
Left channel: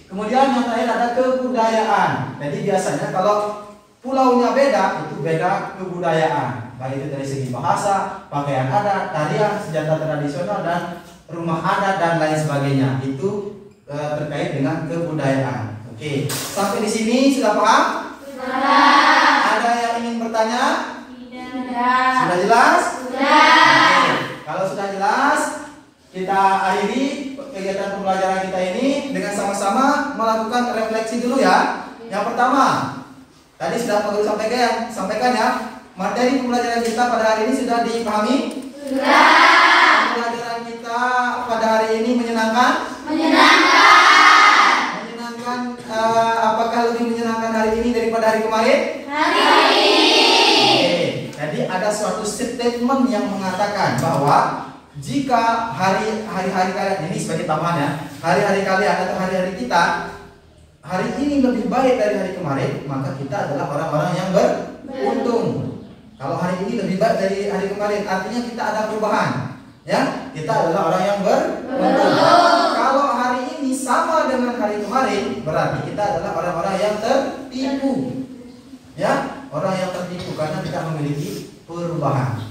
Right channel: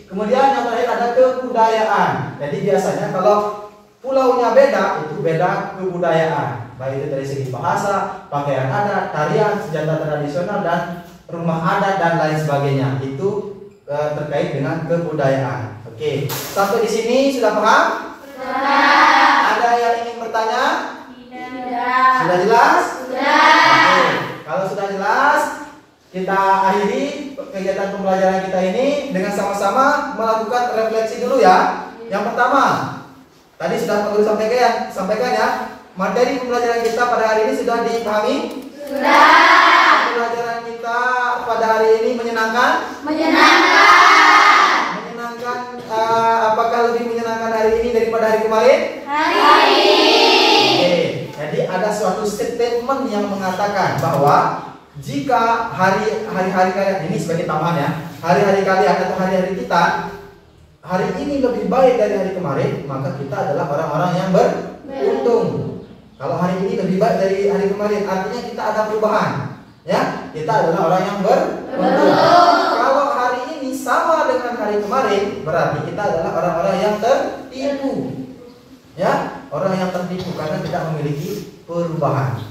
Kemudian yang terakhir ada kebudayaan. Jadi biasanya kalau pulaunya beda, itu beda kebudayaan. Baik itu dari segi bahasa, pakaian adat, tarian, senjata tradisional, dan rumah adat, dan lain sebagainya. Itu terkait dengan kebudayaan. Oke, sampai di sini sudah paham? Sudah. Ada yang ingin bertanya? Tidak. Sudah jelas? Sudah. Oke, kalau sudah jelas, kita akhiri kegiatan pembelajaran kita ini dengan sama-sama melakukan refleksi dulu ya. Yang pertama, tadi sudah Pak Guru sampaikan ya. Materi pembelajaran kita pada hari ini sudah dipahami? Sudah. Pembelajaran kita pada hari ini menyenangkan? Menyenangkan. Menyenangkan. Apakah lebih menyenangkan hari ini daripada hari kemarin? Hari ini. Oke. Jadi ada suatu statement yang mengatakan bahwa jika hari-hari kalian ini sebagai tambahan ya, hari-hari kalian atau hari-hari kita hari ini lebih baik dari hari kemarin, maka kita adalah orang-orang yang beruntung. Kalau hari ini lebih baik dari hari kemarin, artinya kita ada perubahan. Ya, kita adalah orang yang beruntung. Kalau hari ini sama dengan hari kemarin, berarti kita adalah orang-orang yang tertipu. Ya, orang yang tertipu karena tidak memiliki perubahan.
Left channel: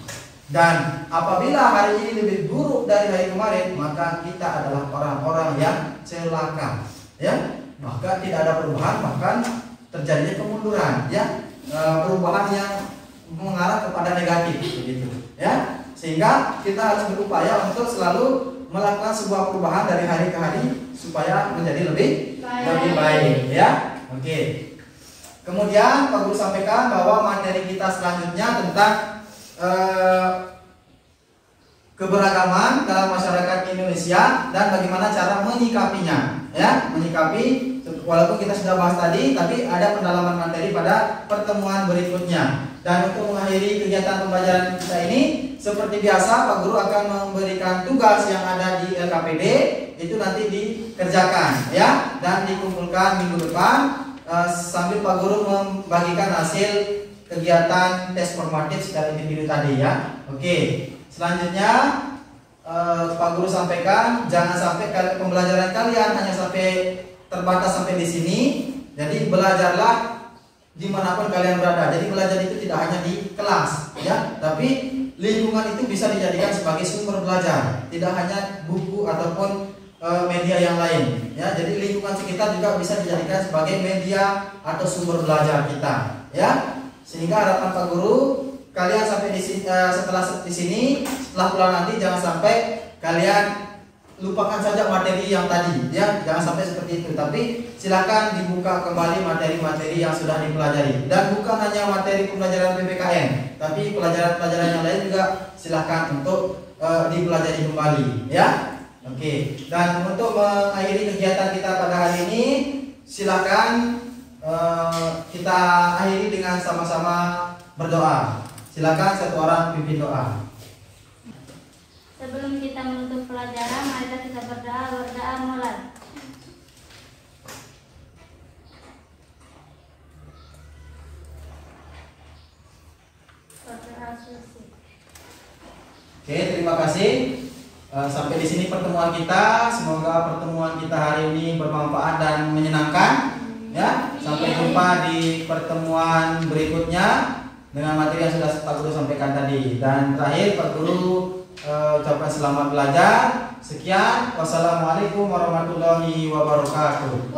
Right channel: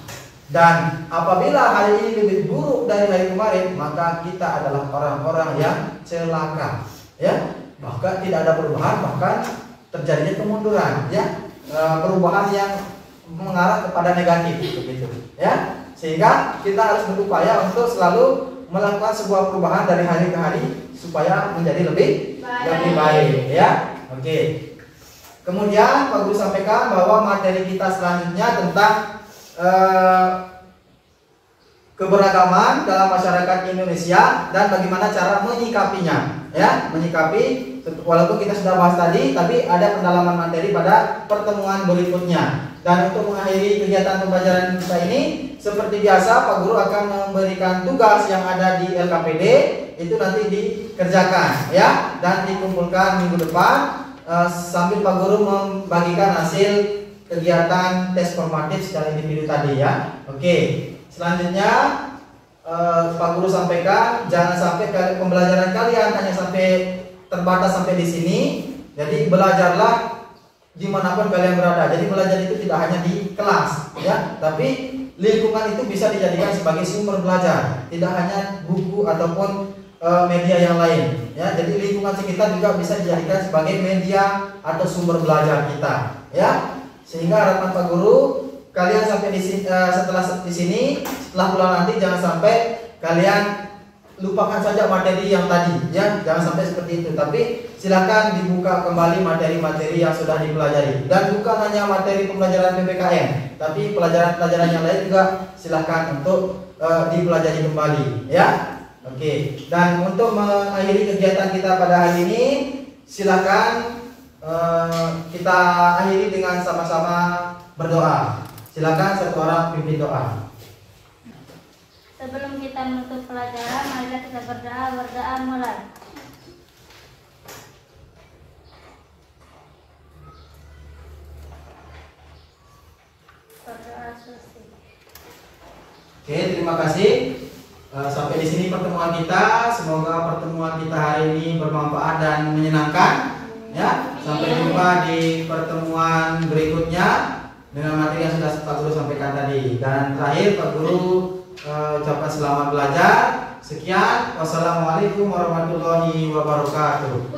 Dan apabila hari ini lebih buruk dari hari kemarin, maka kita adalah orang-orang yang celaka. Ya, bahkan tidak ada perubahan, bahkan terjadinya kemunduran. Ya, perubahan yang mengarah kepada negatif, begitu. Ya, sehingga kita harus berupaya untuk selalu melakukan sebuah perubahan dari hari ke hari supaya menjadi lebih baik. Ya, oke. Kemudian Pak Guru sampaikan bahwa materi kita selanjutnya tentang keberagaman dalam masyarakat Indonesia dan bagaimana cara menyikapinya. Ya, menyikapi walaupun kita sudah bahas tadi, tapi ada pendalaman materi pada pertemuan berikutnya. Dan untuk mengakhiri kegiatan pembelajaran kita ini, seperti biasa Pak Guru akan memberikan tugas yang ada di LKPD, itu nanti dikerjakan ya, dan dikumpulkan minggu depan sambil Pak Guru membagikan hasil kegiatan tes formatif secara individu tadi ya. Oke, selanjutnya Pak Guru sampaikan jangan sampai pembelajaran kalian hanya sampai terbatas sampai di sini. Jadi belajarlah dimanapun kalian berada. Jadi belajar itu tidak hanya di kelas ya, tapi lingkungan itu bisa dijadikan sebagai sumber belajar, tidak hanya buku ataupun media yang lain ya. Jadi lingkungan sekitar juga bisa dijadikan sebagai media atau sumber belajar kita ya. Sehingga harapan Pak Guru kalian sampai di sini, setelah pulang nanti jangan sampai kalian lupakan saja materi yang tadi ya, jangan sampai seperti itu. Tapi silakan dibuka kembali materi-materi yang sudah dipelajari, dan bukan hanya materi pembelajaran PPKN, tapi pelajaran-pelajaran yang lain juga silakan untuk dipelajari kembali ya. Oke, dan untuk mengakhiri kegiatan kita pada hari ini, silakan kita akhiri dengan sama-sama berdoa. Silakan satu orang pimpin doa. Sebelum kita menutup pelajaran, mari kita berdoa mulai. Oke, terima kasih. Sampai di sini pertemuan kita. Semoga pertemuan kita hari ini bermanfaat dan menyenangkan. Ya, sampai jumpa di pertemuan berikutnya dengan materi yang sudah Pak Guru sampaikan tadi. Dan terakhir Pak Guru ucapkan selamat belajar. Sekian, wassalamualaikum warahmatullahi wabarakatuh.